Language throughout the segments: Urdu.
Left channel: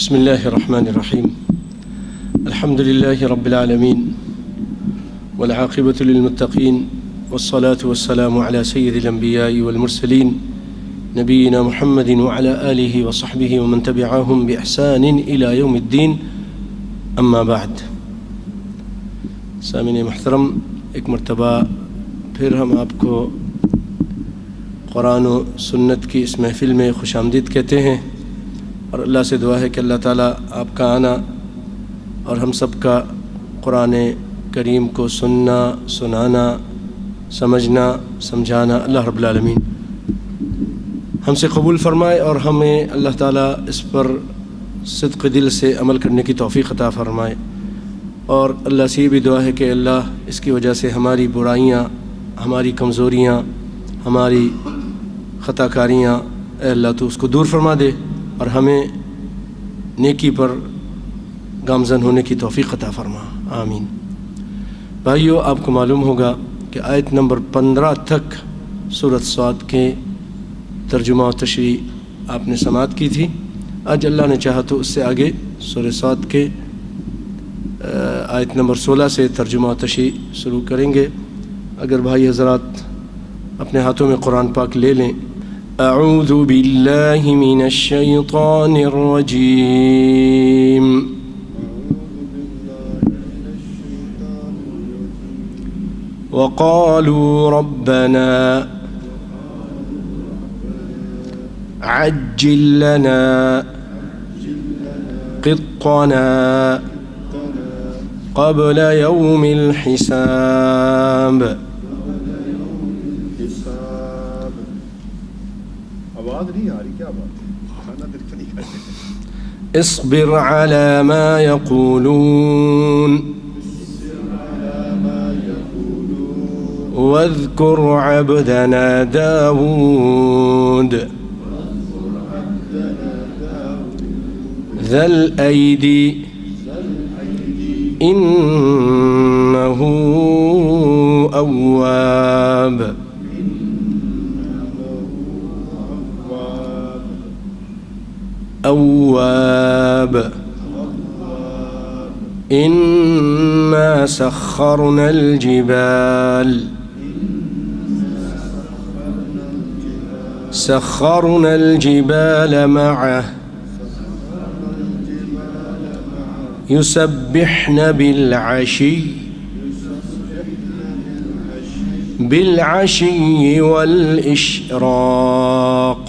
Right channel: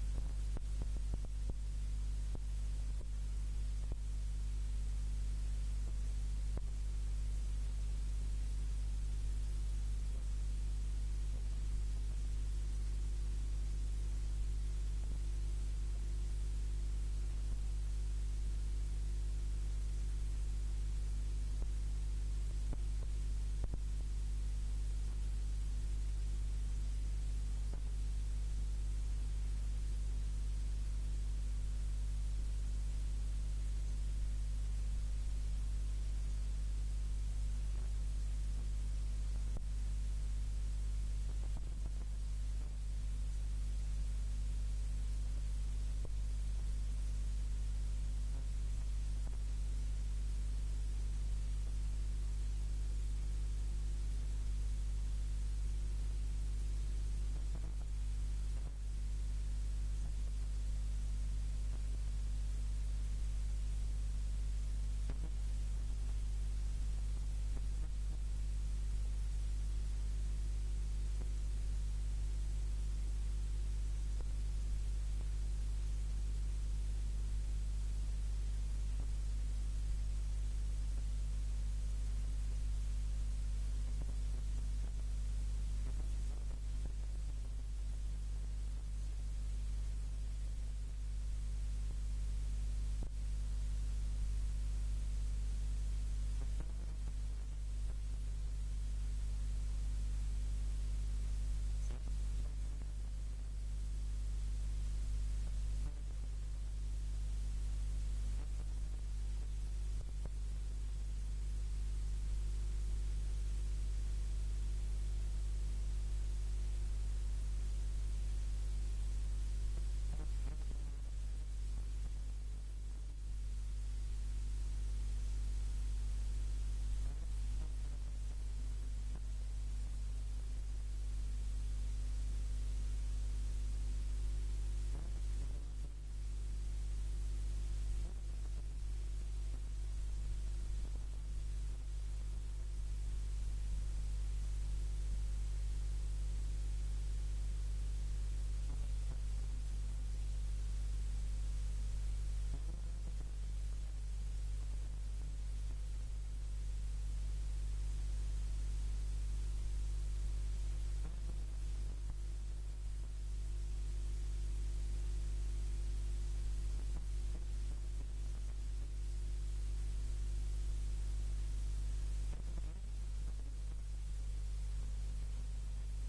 بسم الله الرحمن الرحيم الحمد لله رب العالمين والعاقبة للمتقين والصلاة والسلام على سيد الأنبياء والمرسلين نبينا محمد وعلى آله وصحبه ومن تبعهم بإحسان إلى يوم الدين أما بعد سامعین محترم، ایک مرتبہ پھر ہم آپ کو قرآن و سنت کی اس محفل میں خوش آمدید کہتے ہیں، اور اللہ سے دعا ہے کہ اللہ تعالیٰ آپ کا آنا اور ہم سب کا قرآن کریم کو سننا، سنانا، سمجھنا، سمجھانا اللہ رب العالمین ہم سے قبول فرمائے، اور ہمیں اللہ تعالیٰ اس پر صدق دل سے عمل کرنے کی توفیق عطا فرمائے۔ اور اللہ سے یہ بھی دعا ہے کہ اللہ اس کی وجہ سے ہماری برائیاں، ہماری کمزوریاں، ہماری خطا کاریاں اے اللہ تو اس کو دور فرما دے، اور ہمیں نیکی پر گامزن ہونے کی توفیق عطا فرما، آمین۔ بھائیو، آپ کو معلوم ہوگا کہ آیت نمبر 15 تک سورۃ صاد کے ترجمہ و تشریح آپ نے سماعت کی تھی۔ آج اللہ نے چاہا تو اس سے آگے سورۃ صاد کے آیت نمبر 16 سے ترجمہ و تشریح شروع کریں گے۔ اگر بھائی حضرات اپنے ہاتھوں میں قرآن پاک لے لیں۔ اعوذ باللہ من الشیطان الرجیم، وقالوا ربنا عجل لنا قطنا قبل يوم الحساب۔ آواز نہیں آ رہی، کیا بات ہے؟ اصبر على ما يقولون واذكر عبدنا داود ذا الأيدي إنه أواب۔ أواب إنا سخرنا الجبال معه يسبحن بالعشي والإشراق۔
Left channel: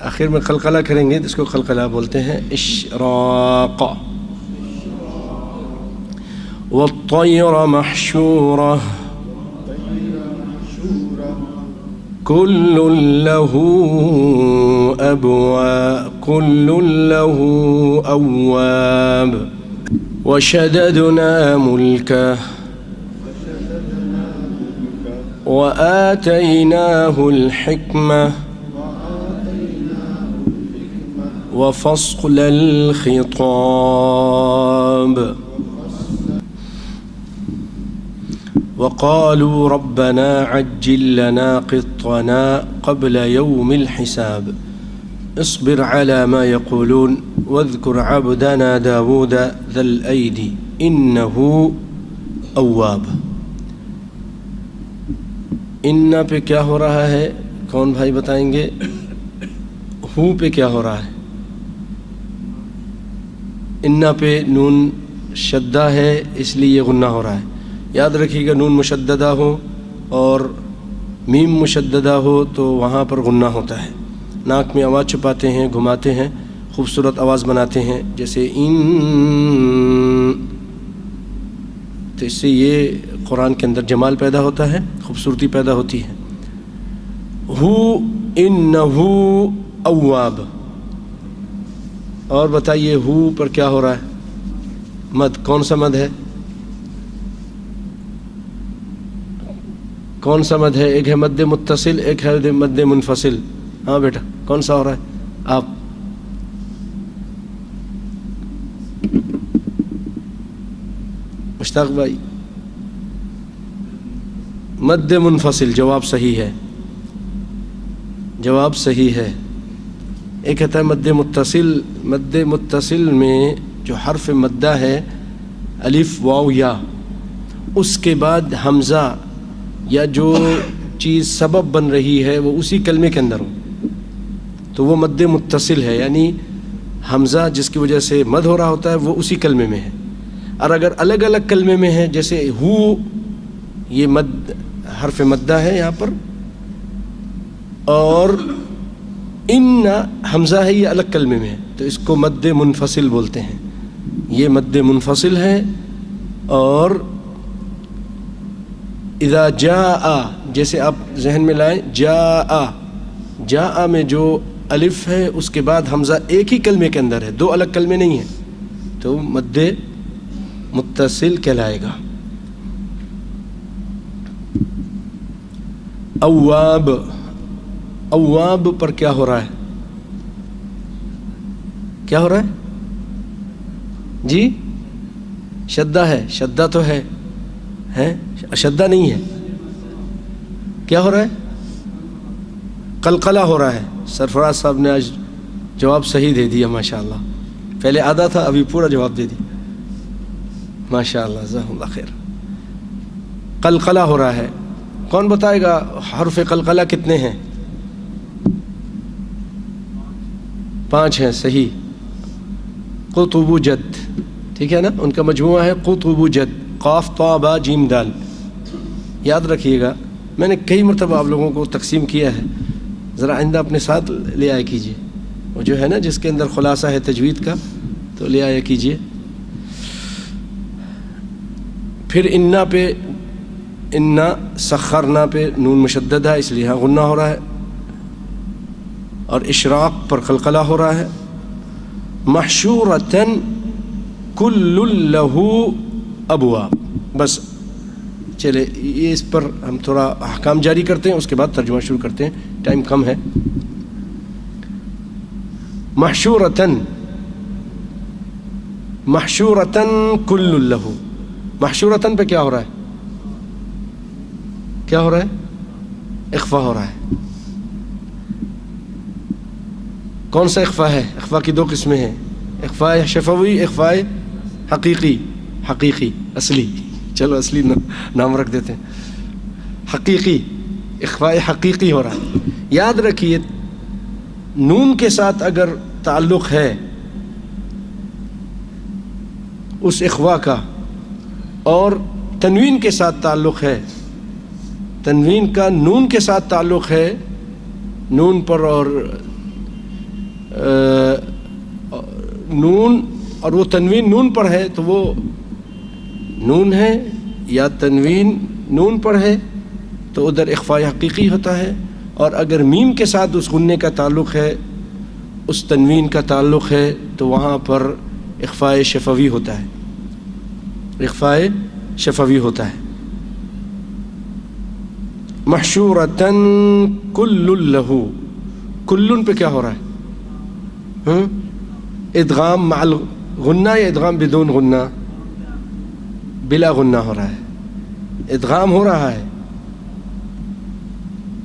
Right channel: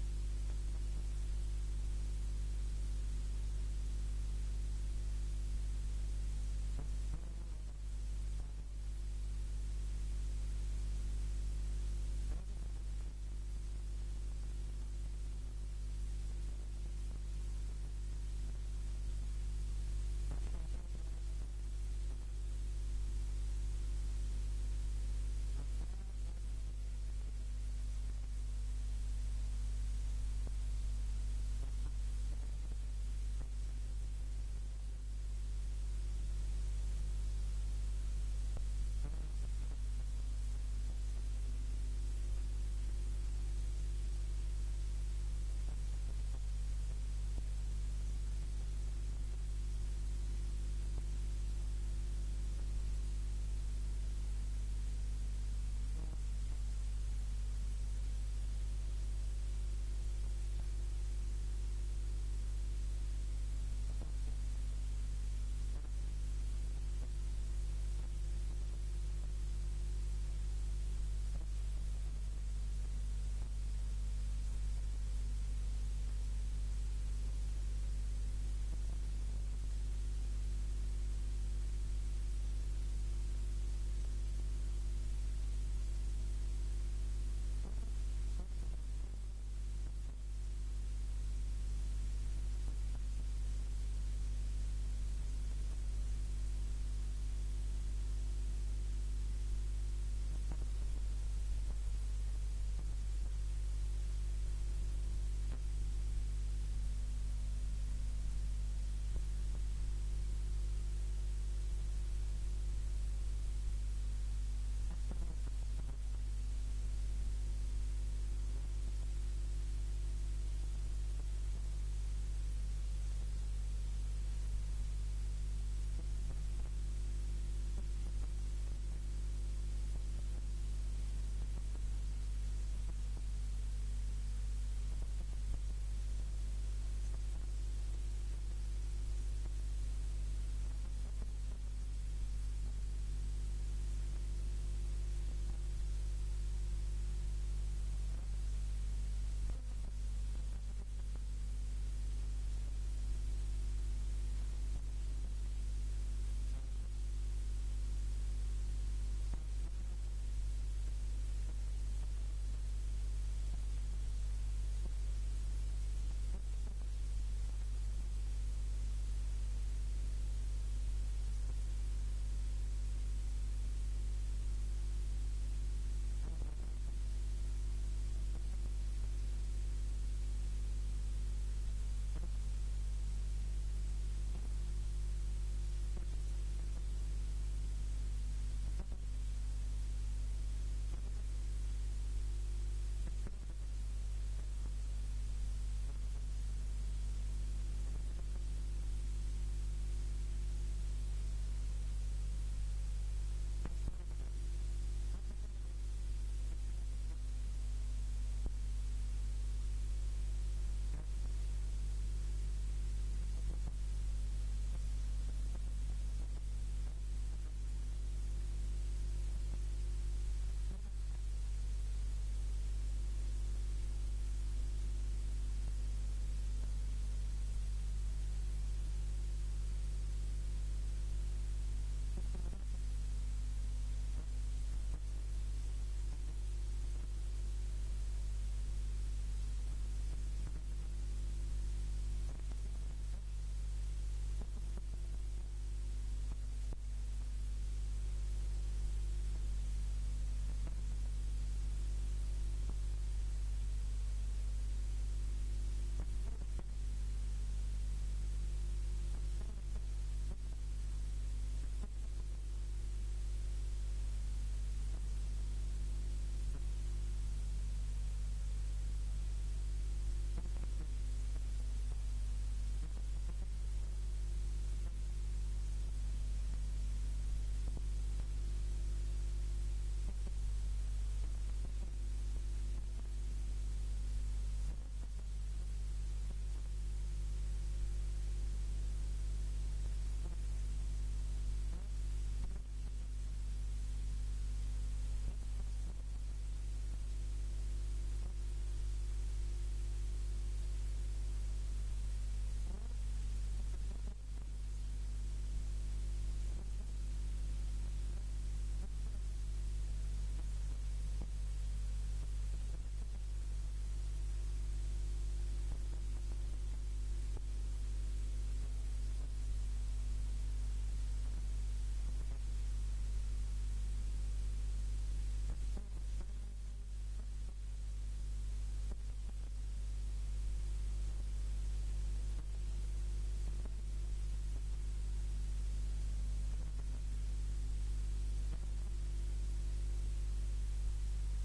آخر میں قلقلہ کریں گے، اس کو قلقلہ بولتے ہیں، اشراق۔ والطير محشورة كل له أواب وشددنا ملكه وآتيناه الحكمة وفصل الخطاب وقالوا ربنا عجل لنا قطنا قبل يوم الحساب اصبر على ما يقولون واذكر عبدنا داود ذا الأيدي إنه أواب۔ انا پہ کیا ہو رہا ہے؟ کون بھائی بتائیں گے؟ ہو پہ کیا ہو رہا ہے؟ انا پہ نون شدہ ہے، اس لیے یہ غنہ ہو رہا ہے۔ یاد رکھیے گا، نون مشددہ ہو اور میم مشددہ ہو تو وہاں پر غنہ ہوتا ہے۔ ناک میں آواز چھپاتے ہیں، گھماتے ہیں، خوبصورت آواز بناتے ہیں، جیسے ان، تو اس سے یہ قرآن کے اندر جمال پیدا ہوتا ہے، خوبصورتی پیدا ہوتی ہے۔ ہو انہو اواب۔ اور بتائیے ہو پر کیا ہو رہا ہے؟ مد، کون سا مد ہے؟ کون سا مد ہے؟ ایک ہے مد متصل، ایک ہے مد منفصل۔ ہاں بیٹا، کون سا ہو رہا ہے؟ آپ مشتاق بھائی مد منفصل جواب صحیح ہے، جواب صحیح ہے۔ ایک کہتا ہے مد متصل، مد متصل میں جو حرف مدہ ہے الف واو یا، اس کے بعد حمزہ یا جو چیز سبب بن رہی ہے وہ اسی کلمے کے اندر ہو تو وہ مد متصل ہے، یعنی حمزہ جس کی وجہ سے مد ہو رہا ہوتا ہے وہ اسی کلمے میں ہے۔ اور اگر الگ الگ کلمے میں ہے، جیسے ہو، یہ مد حرف مدہ ہے یہاں پر، اور ان حمزہ ہے یہ الگ کلمے میں ہے، تو اس کو مد منفصل بولتے ہیں۔ یہ مد منفصل ہے۔ اور اذا جاء، جیسے آپ ذہن میں لائیں، جاء، جاء میں جو الف ہے اس کے بعد حمزہ ایک ہی کلمے کے اندر ہے، دو الگ کلمے نہیں ہیں، تو مد متصل کہلائے گا۔ اواب، اواب پر کیا ہو رہا ہے؟ کیا ہو رہا ہے جی؟ شدہ ہے، شدہ تو ہے، شدہ نہیں ہے، کیا ہو رہا ہے؟ قلقلہ ہو رہا ہے۔ سرفراز صاحب نے آج جواب صحیح دے دیا ماشاءاللہ، پہلے آدھا تھا ابھی پورا جواب دے دیا ماشاءاللہ، جزاک اللہ خیر۔ قلقلہ ہو رہا ہے۔ کون بتائے گا حرف قلقلہ کتنے ہیں؟ 5 ہیں، صحیح۔ قطب جد، ٹھیک ہے نا، ان کا مجموعہ ہے قطب جد، قاف طا با جیم دال۔ یاد رکھیے گا، میں نے کئی مرتبہ آپ لوگوں کو تقسیم کیا ہے، ذرا آئندہ اپنے ساتھ لے آیا کیجیے، وہ جو ہے نا جس کے اندر خلاصہ ہے تجوید کا، تو لے آیا کیجیے۔ پھر انا پہ، انا سخرنا پہ نون مشدد ہے، اس لیے یہاں غنہ ہو رہا ہے، اور اشراق پر قلقلہ ہو رہا ہے۔ محشورتن کل لہو ابواب، بس چلے یہ اس پر ہم تھوڑا احکام جاری کرتے ہیں، اس کے بعد ترجمہ شروع کرتے ہیں، ٹائم کم ہے۔ محشورتن، محشورتن کل لہو، محشورتن پہ کیا ہو رہا ہے؟ کیا ہو رہا ہے؟ اخفا ہو رہا ہے۔ کون سا اخفا ہے؟ اخفا کی 2 قسمیں ہیں، اخفا شفوی، اخفا حقیقی۔ حقیقی، اصلی، چلو اصلی نام رکھ دیتے ہیں، حقیقی، اخفا حقیقی ہو رہا ہے۔ یاد رکھیے نون کے ساتھ اگر تعلق ہے اس اخفا کا، اور تنوین کے ساتھ تعلق ہے، تنوین کا نون کے ساتھ تعلق ہے، نون پر اور نون، اور وہ تنوین نون پر ہے تو وہ نون ہے، یا تنوین نون پر ہے تو ادھر اخفاء حقیقی ہوتا ہے، اور اگر میم کے ساتھ اس غنے کا تعلق ہے، اس تنوین کا تعلق ہے، تو وہاں پر اخفاء شفوی ہوتا ہے، اخفاء شفوی ہوتا ہے۔ محشورتن کل لہو، کلن پہ کیا ہو رہا ہے؟ ادغام مع الغنہ یا ادغام بدون غنہ؟ بلا غنہ ہو رہا ہے، ادغام ہو رہا ہے۔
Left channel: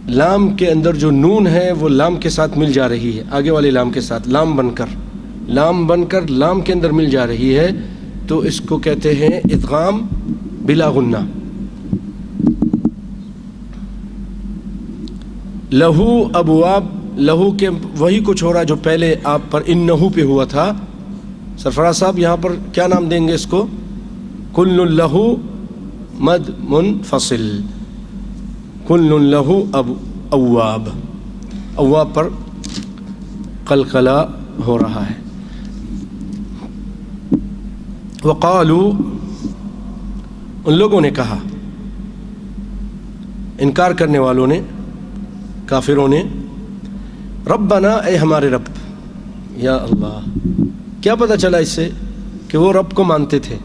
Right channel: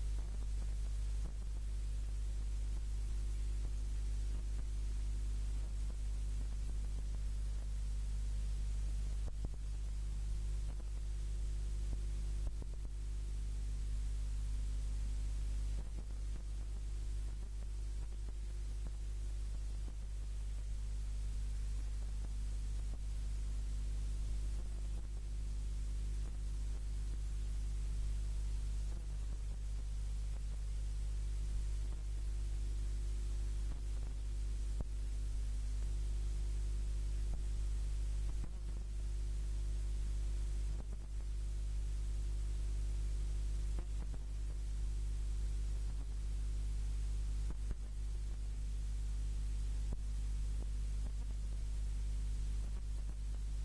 لام کے اندر جو نون ہے وہ لام کے ساتھ مل جا رہی ہے، آگے والے لام کے ساتھ، لام بن کر لام کے اندر مل جا رہی ہے، تو اس کو کہتے ہیں ادغام بلا غنہ۔ لہو ابواب، لہو کے وہی کچھ ہو رہا ہے جو پہلے آپ پر انہو پہ ہوا تھا۔ سرفراز صاحب یہاں پر کیا نام دیں گے اس کو؟ کل لہو مد منفصل، کل لہو اواب، اواب پر قلقلہ ہو رہا ہے۔ وقالو، ان لوگوں نے کہا، انکار کرنے والوں نے، کافروں نے، ربنا، اے ہمارے رب۔ یا اللہ، کیا پتہ چلا اس سے؟ کہ وہ رب کو مانتے تھے،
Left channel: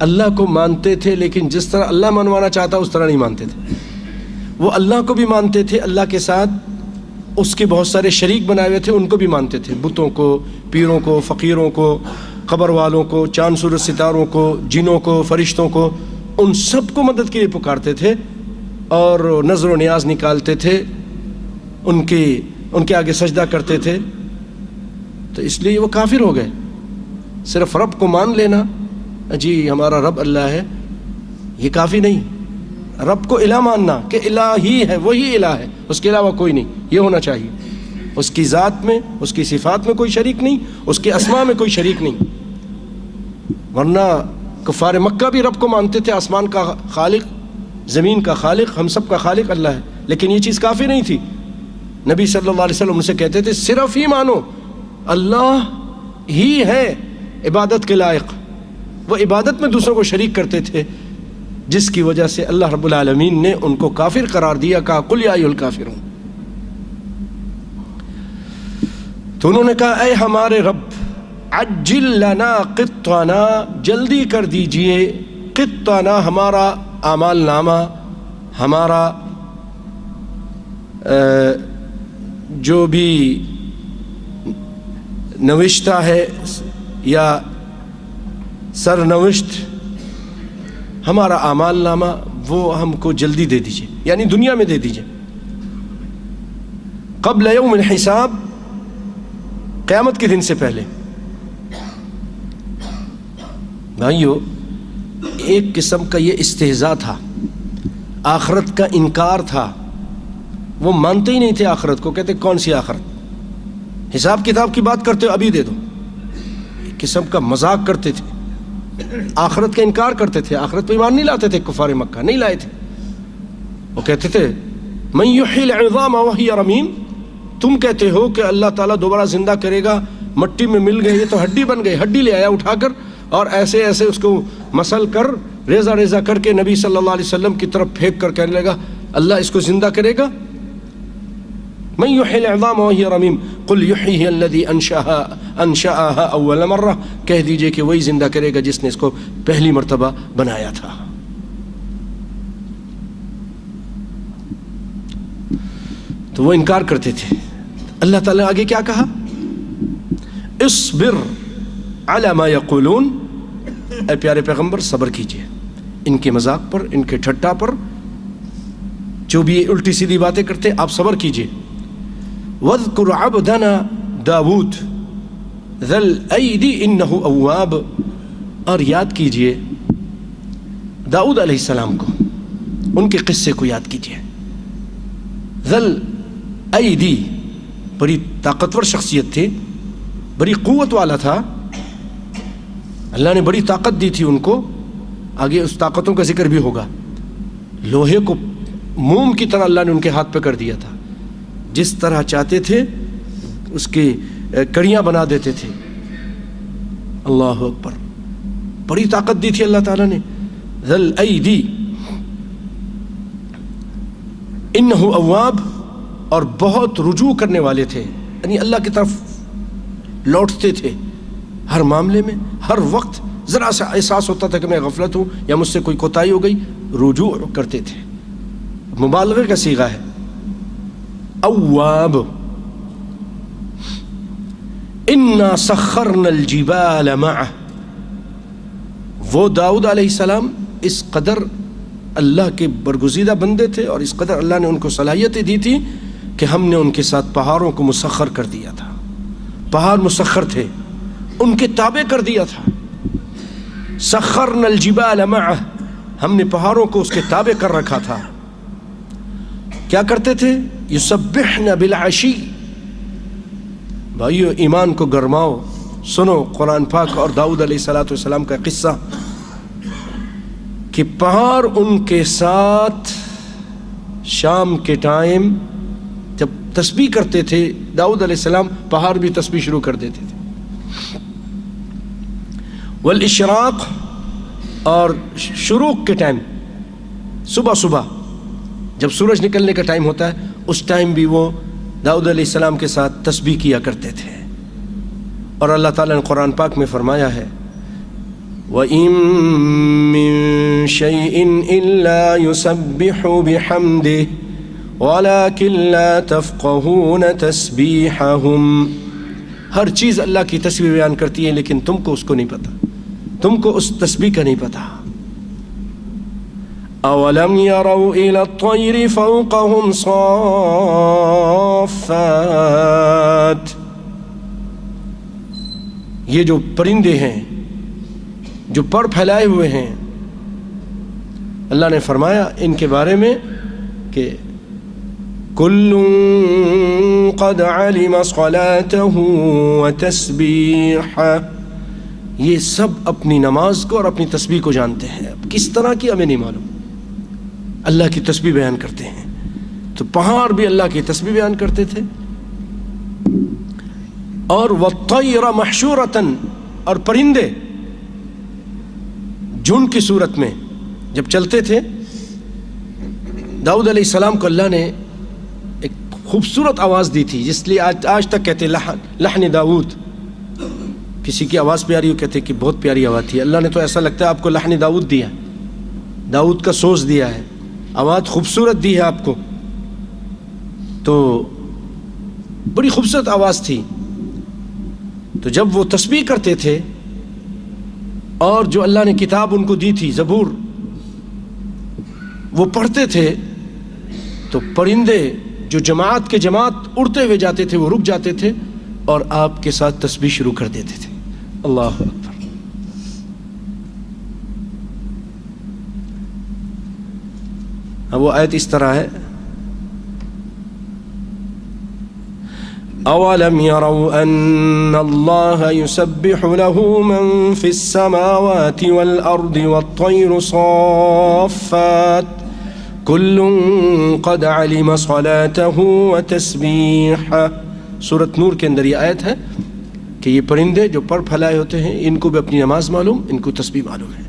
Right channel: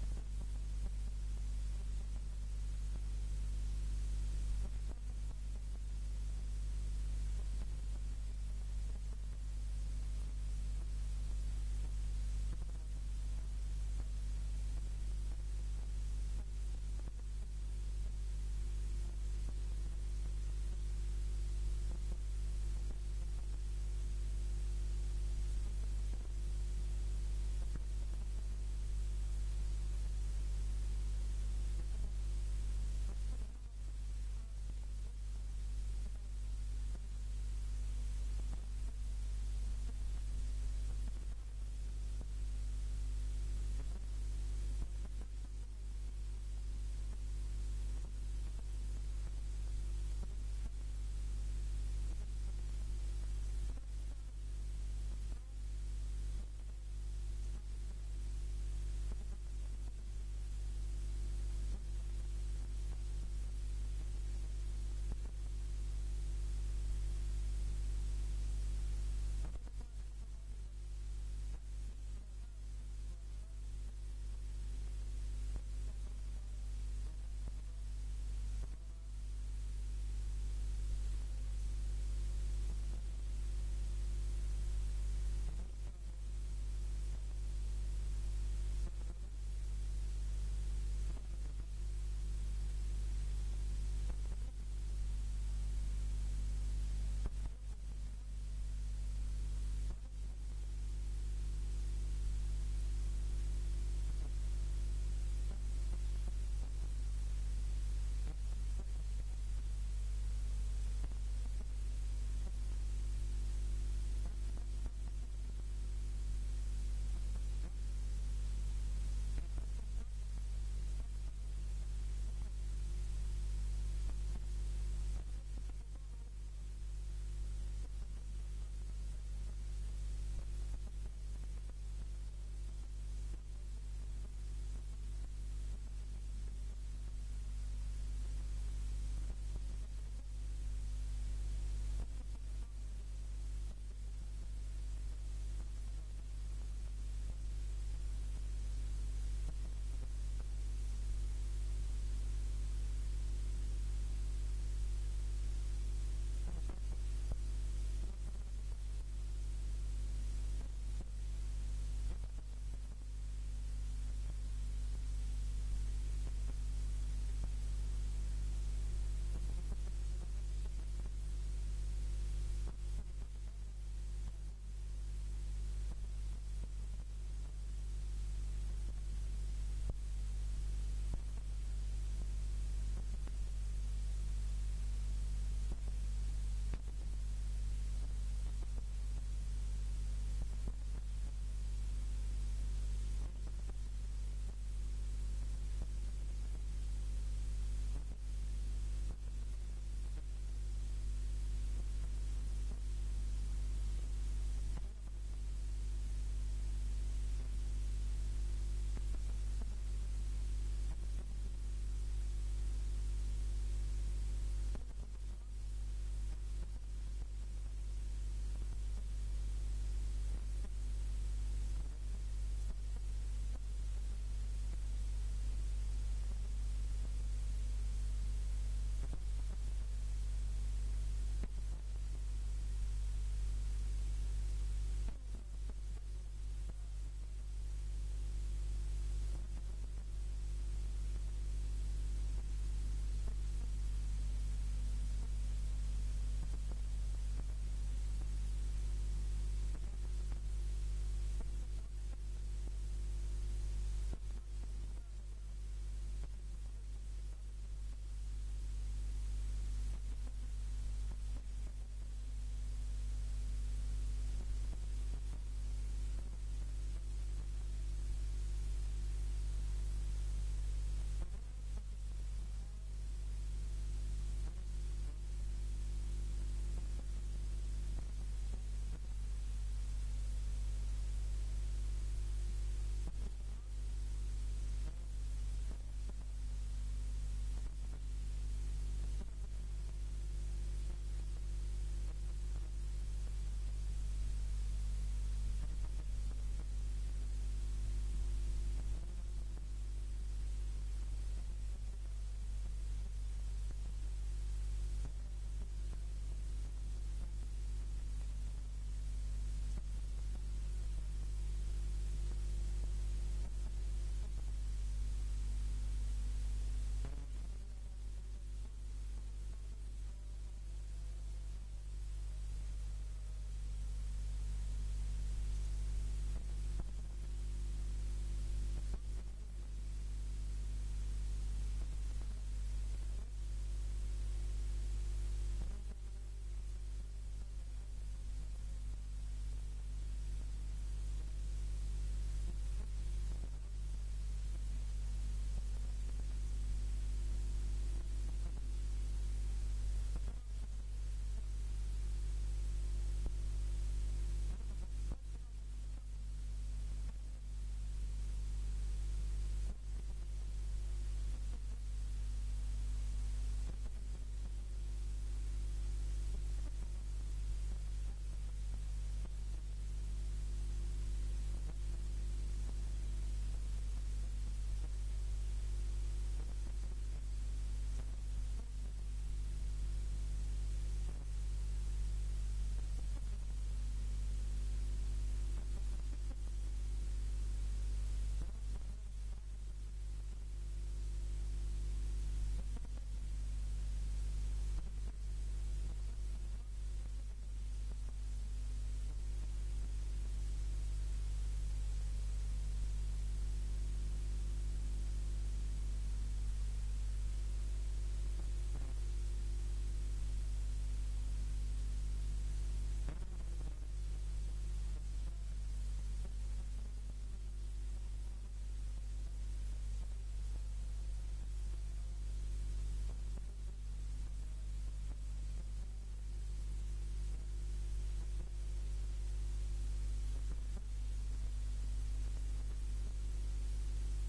اللہ کو مانتے تھے، لیکن جس طرح اللہ منوانا چاہتا اس طرح نہیں مانتے تھے۔ وہ اللہ کو بھی مانتے تھے، اللہ کے ساتھ اس کے بہت سارے شریک بنائے ہوئے تھے، ان کو بھی مانتے تھے، بتوں کو، پیروں کو، فقیروں کو، قبر والوں کو، چاند سورج ستاروں کو، جنوں کو، فرشتوں کو، ان سب کو مدد کے لیے پکارتے تھے، اور نظر و نیاز نکالتے تھے، ان کے آگے سجدہ کرتے تھے، تو اس لیے وہ کافر ہو گئے۔ صرف رب کو مان لینا، جی ہمارا رب اللہ ہے، یہ کافی نہیں۔ رب کو الہ ماننا کہ الہ ہی ہے، وہی الہ ہے، اس کے علاوہ کوئی نہیں، یہ ہونا چاہیے۔ اس کی ذات میں، اس کی صفات میں کوئی شریک نہیں، اس کے اسماء میں کوئی شریک نہیں۔ ورنہ کفار مکہ بھی رب کو مانتے تھے، آسمان کا خالق، زمین کا خالق، ہم سب کا خالق اللہ ہے، لیکن یہ چیز کافی نہیں تھی۔ نبی صلی اللہ علیہ وسلم ان سے کہتے تھے صرف ہی مانو، اللہ ہی ہے عبادت کے لائق۔ وہ عبادت میں دوسروں کو شریک کرتے تھے، جس کی وجہ سے اللہ رب العالمین نے ان کو کافر قرار دیا، کہا قل یا ایھا الکافرون۔ تو انہوں نے کہا اے ہمارے رب، عجل لنا قطنا، جلدی کر دیجئے قطنا، ہمارا اعمال نامہ، ہمارا جو بھی نوشتہ ہے یا سرنوشت، ہمارا اعمال نامہ وہ ہم کو جلدی دے دیجئے، یعنی دنیا میں دے دیجئے، قبل یوم الحساب، قیامت کے دن سے پہلے۔ بھائیو، ایک قسم کا یہ استہزاء تھا، آخرت کا انکار تھا، وہ مانتے ہی نہیں تھے آخرت کو، کہتے کون سی آخرت، حساب کتاب کی بات کرتے ہو ابھی دے دو، ایک قسم کا مذاق کرتے تھے، آخرت کا انکار کرتے تھے، آخرت پہ ایمان نہیں لاتے تھے کفار مکہ، نہیں لائے تھے۔ وہ کہتے تھے من یحیی العظام وہی رمیم، تم کہتے ہو کہ اللہ تعالیٰ دوبارہ زندہ کرے گا، مٹی میں مل گئے، یہ تو ہڈی بن گئی، ہڈی لے آیا اٹھا کر اور ایسے ایسے اس کو مسل کر ریزہ ریزہ کر کے نبی صلی اللہ علیہ وسلم کی طرف پھینک کر کہنے لگا اللہ اس کو زندہ کرے گا۔ من یحیی العظام وہی رمیم قل یحییها الذی انشأها اول مرہ، کہہ دیجئے کہ وہی زندہ کرے گا جس نے اس کو پہلی مرتبہ بنایا تھا۔ تو وہ انکار کرتے تھے۔ اللہ تعالیٰ نے آگے کیا کہا؟ اصبر علی ما یقولون، اے پیارے پیغمبر صبر کیجئے ان کے مذاق پر، ان کے ٹھٹا پر، جو بھی الٹی سیدھی باتیں کرتے آپ صبر کیجئے۔ وَاذْكُرْ عَبْدَنَا داود ذَا الْأَيْدِ إِنَّهُ أَوَّابٌ، اور یاد کیجئے داؤد علیہ السلام کو، ان کے قصے کو یاد کیجئے۔ ذَا الْأَيْدِ، بڑی طاقتور شخصیت تھی، بڑی قوت والا تھا، اللہ نے بڑی طاقت دی تھی ان کو، آگے اس طاقتوں کا ذکر بھی ہوگا۔ لوہے کو موم کی طرح اللہ نے ان کے ہاتھ پہ کر دیا تھا، جس طرح چاہتے تھے اس کی کڑیاں بنا دیتے تھے۔ اللہ اکبر، بڑی طاقت دی تھی اللہ تعالیٰ نے۔ ذل الایدی انہ اواب، اور بہت رجوع کرنے والے تھے، یعنی اللہ کی طرف لوٹتے تھے ہر معاملے میں، ہر وقت ذرا سا احساس ہوتا تھا کہ میں غفلت ہوں یا مجھ سے کوئی کوتاہی ہو گئی، رجوع کرتے تھے، مبالغے کا صیغہ ہے اواب۔ انا سخرنا الجبال معه، وہ داؤد علیہ السلام اس قدر اللہ کے برگزیدہ بندے تھے اور اس قدر اللہ نے ان کو صلاحیتیں دی تھی کہ ہم نے ان کے ساتھ پہاڑوں کو مسخر کر دیا تھا، پہاڑ مسخر تھے، ان کے تابع کر دیا تھا۔ سخرنا الجبال معه، ہم نے پہاڑوں کو اس کے تابع کر رکھا تھا۔ کیا کرتے تھے؟ یسبحن بالعشی، بھائیو ایمان کو گرماؤ، سنو قرآن پاک اور داؤد علیہ السلام کا قصہ کہ پہاڑ ان کے ساتھ شام کے ٹائم جب تسبیح کرتے تھے داؤد علیہ السلام، پہاڑ بھی تسبیح شروع کر دیتے تھے۔ والاشراق، اور شروق کے ٹائم، صبح صبح جب سورج نکلنے کا ٹائم ہوتا ہے اس ٹائم بھی وہ داؤد علیہ السلام کے ساتھ تسبیح کیا کرتے تھے۔ اور اللہ تعالیٰ نے قرآن پاک میں فرمایا ہے وَإِن مِّن شَيْءٍ إِلَّا يُسَبِّحُ بِحَمْدِهِ وَلَكِن لَّا تَفْقَهُونَ تَسْبِيحَهُمْ، ہر چیز اللہ کی تسبیح بیان کرتی ہے لیکن تم کو اس کو نہیں پتہ، تم کو اس تسبیح کا نہیں پتہ۔ اولم يروا الى الطير فوقهم صافات، یہ جو پرندے ہیں جو پر پھیلائے ہوئے ہیں، اللہ نے فرمایا ان کے بارے میں کہ کل قد علم صلاته وتسبیحہ، یہ سب اپنی نماز کو اور اپنی تسبیح کو جانتے ہیں. اب کس طرح کی ہمیں نہیں معلوم. اللہ کی تسبیح بیان کرتے ہیں. تو پہاڑ بھی اللہ کی تسبیح بیان کرتے تھے. اور والطیر محشورۃ، اور پرندے جھنڈ کی صورت میں جب چلتے تھے. داؤد علیہ السلام کو اللہ نے ایک خوبصورت آواز دی تھی، جس لیے آج تک کہتے لحن داؤد. کسی کی آواز پیاری ہو کہتے کہ بہت پیاری آواز تھی. اللہ نے تو ایسا لگتا ہے آپ کو لحن داؤد دیا، داؤد کا سوز دیا ہے، آواز خوبصورت دی ہے آپ کو. تو بڑی خوبصورت آواز تھی. تو جب وہ تسبیح کرتے تھے اور جو اللہ نے کتاب ان کو دی تھی زبور وہ پڑھتے تھے، تو پرندے جو جماعت کے جماعت اڑتے ہوئے جاتے تھے وہ رک جاتے تھے اور آپ کے ساتھ تسبیح شروع کر دیتے تھے. اللہ اکبر. اب وہ آیت اس طرح ہے، اولم يروا ان اللہ يسبح له من في السماوات والارض والطير صافات كل قد علم صلاته وتسبیحہ. سورۃ نور کے اندر یہ آیت ہے کہ یہ پرندے جو پر پھیلائے ہوتے ہیں ان کو بھی اپنی نماز معلوم، ان کو تسبیح معلوم ہے.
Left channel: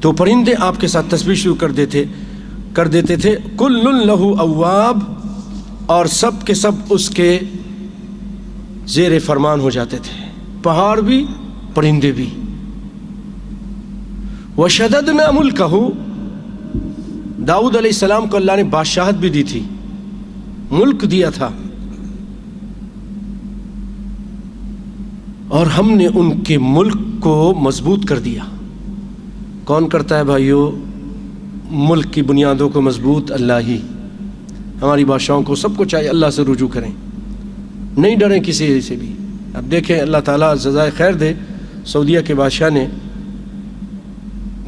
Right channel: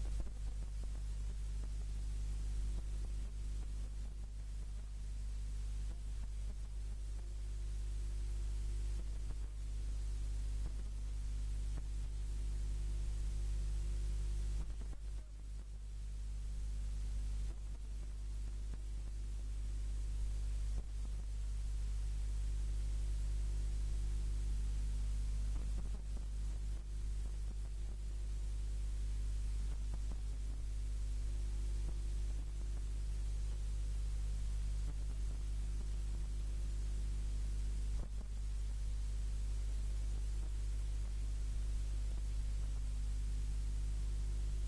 تو پرندے آپ کے ساتھ تسبیح شروع کر دیتے تھے. کل لہ اواب، اور سب کے سب اس کے زیر فرمان ہو جاتے تھے، پہاڑ بھی پرندے بھی. وشددنا ملکہ، داؤد علیہ السلام کو اللہ نے بادشاہت بھی دی تھی، ملک دیا تھا، اور ہم نے ان کے ملک کو مضبوط کر دیا. کون کرتا ہے بھائیو ملک کی بنیادوں کو مضبوط؟ اللہ ہی. ہماری بادشاہوں کو سب کو چاہیے اللہ سے رجوع کریں، نہیں ڈریں کسی سے بھی. اب دیکھیں اللہ تعالیٰ جزائے خیر دے، سعودیہ کے بادشاہ نے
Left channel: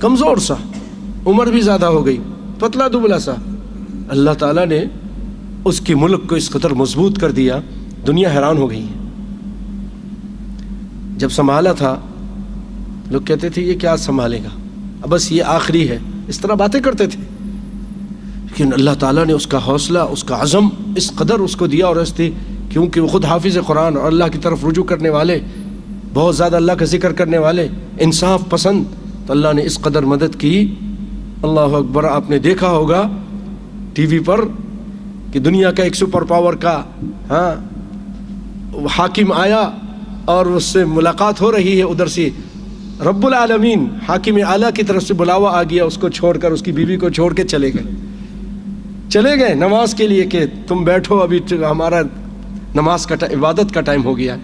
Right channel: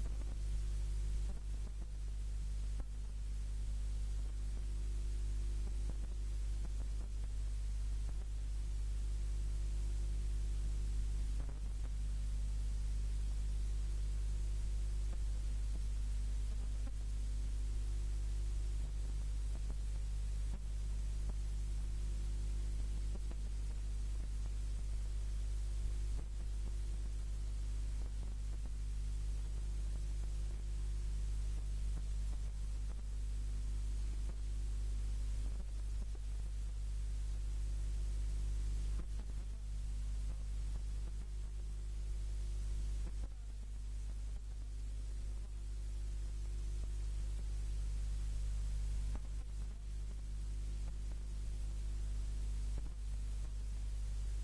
کمزور سا، عمر بھی زیادہ ہو گئی، پتلا دبلا سا، اللہ تعالیٰ نے اس کی ملک کو اس قدر مضبوط کر دیا، دنیا حیران ہو گئی ہے. جب سنبھالا تھا لوگ کہتے تھے یہ کیا سنبھالے گا، اب بس یہ آخری ہے، اس طرح باتیں کرتے تھے. لیکن اللہ تعالیٰ نے اس کا حوصلہ، اس کا عزم اس قدر اس کو دیا، اور کیونکہ وہ خود حافظ قرآن اور اللہ کی طرف رجوع کرنے والے، بہت زیادہ اللہ کا ذکر کرنے والے، انصاف پسند، تو اللہ نے اس قدر مدد کی. اللہ اکبر. آپ نے دیکھا ہوگا ٹی وی پر کہ دنیا کا ایک سپر پاور کا حاکم آیا اور اس سے ملاقات ہو رہی ہے، ادھر سے رب العالمین حاکم اعلیٰ کی طرف سے بلاوا آ گیا، اس کو چھوڑ کر، اس کی بیوی کو چھوڑ کے چلے گئے نماز کے لیے کہ تم بیٹھو، ابھی ہمارا نماز کا عبادت کا ٹائم ہو گیا،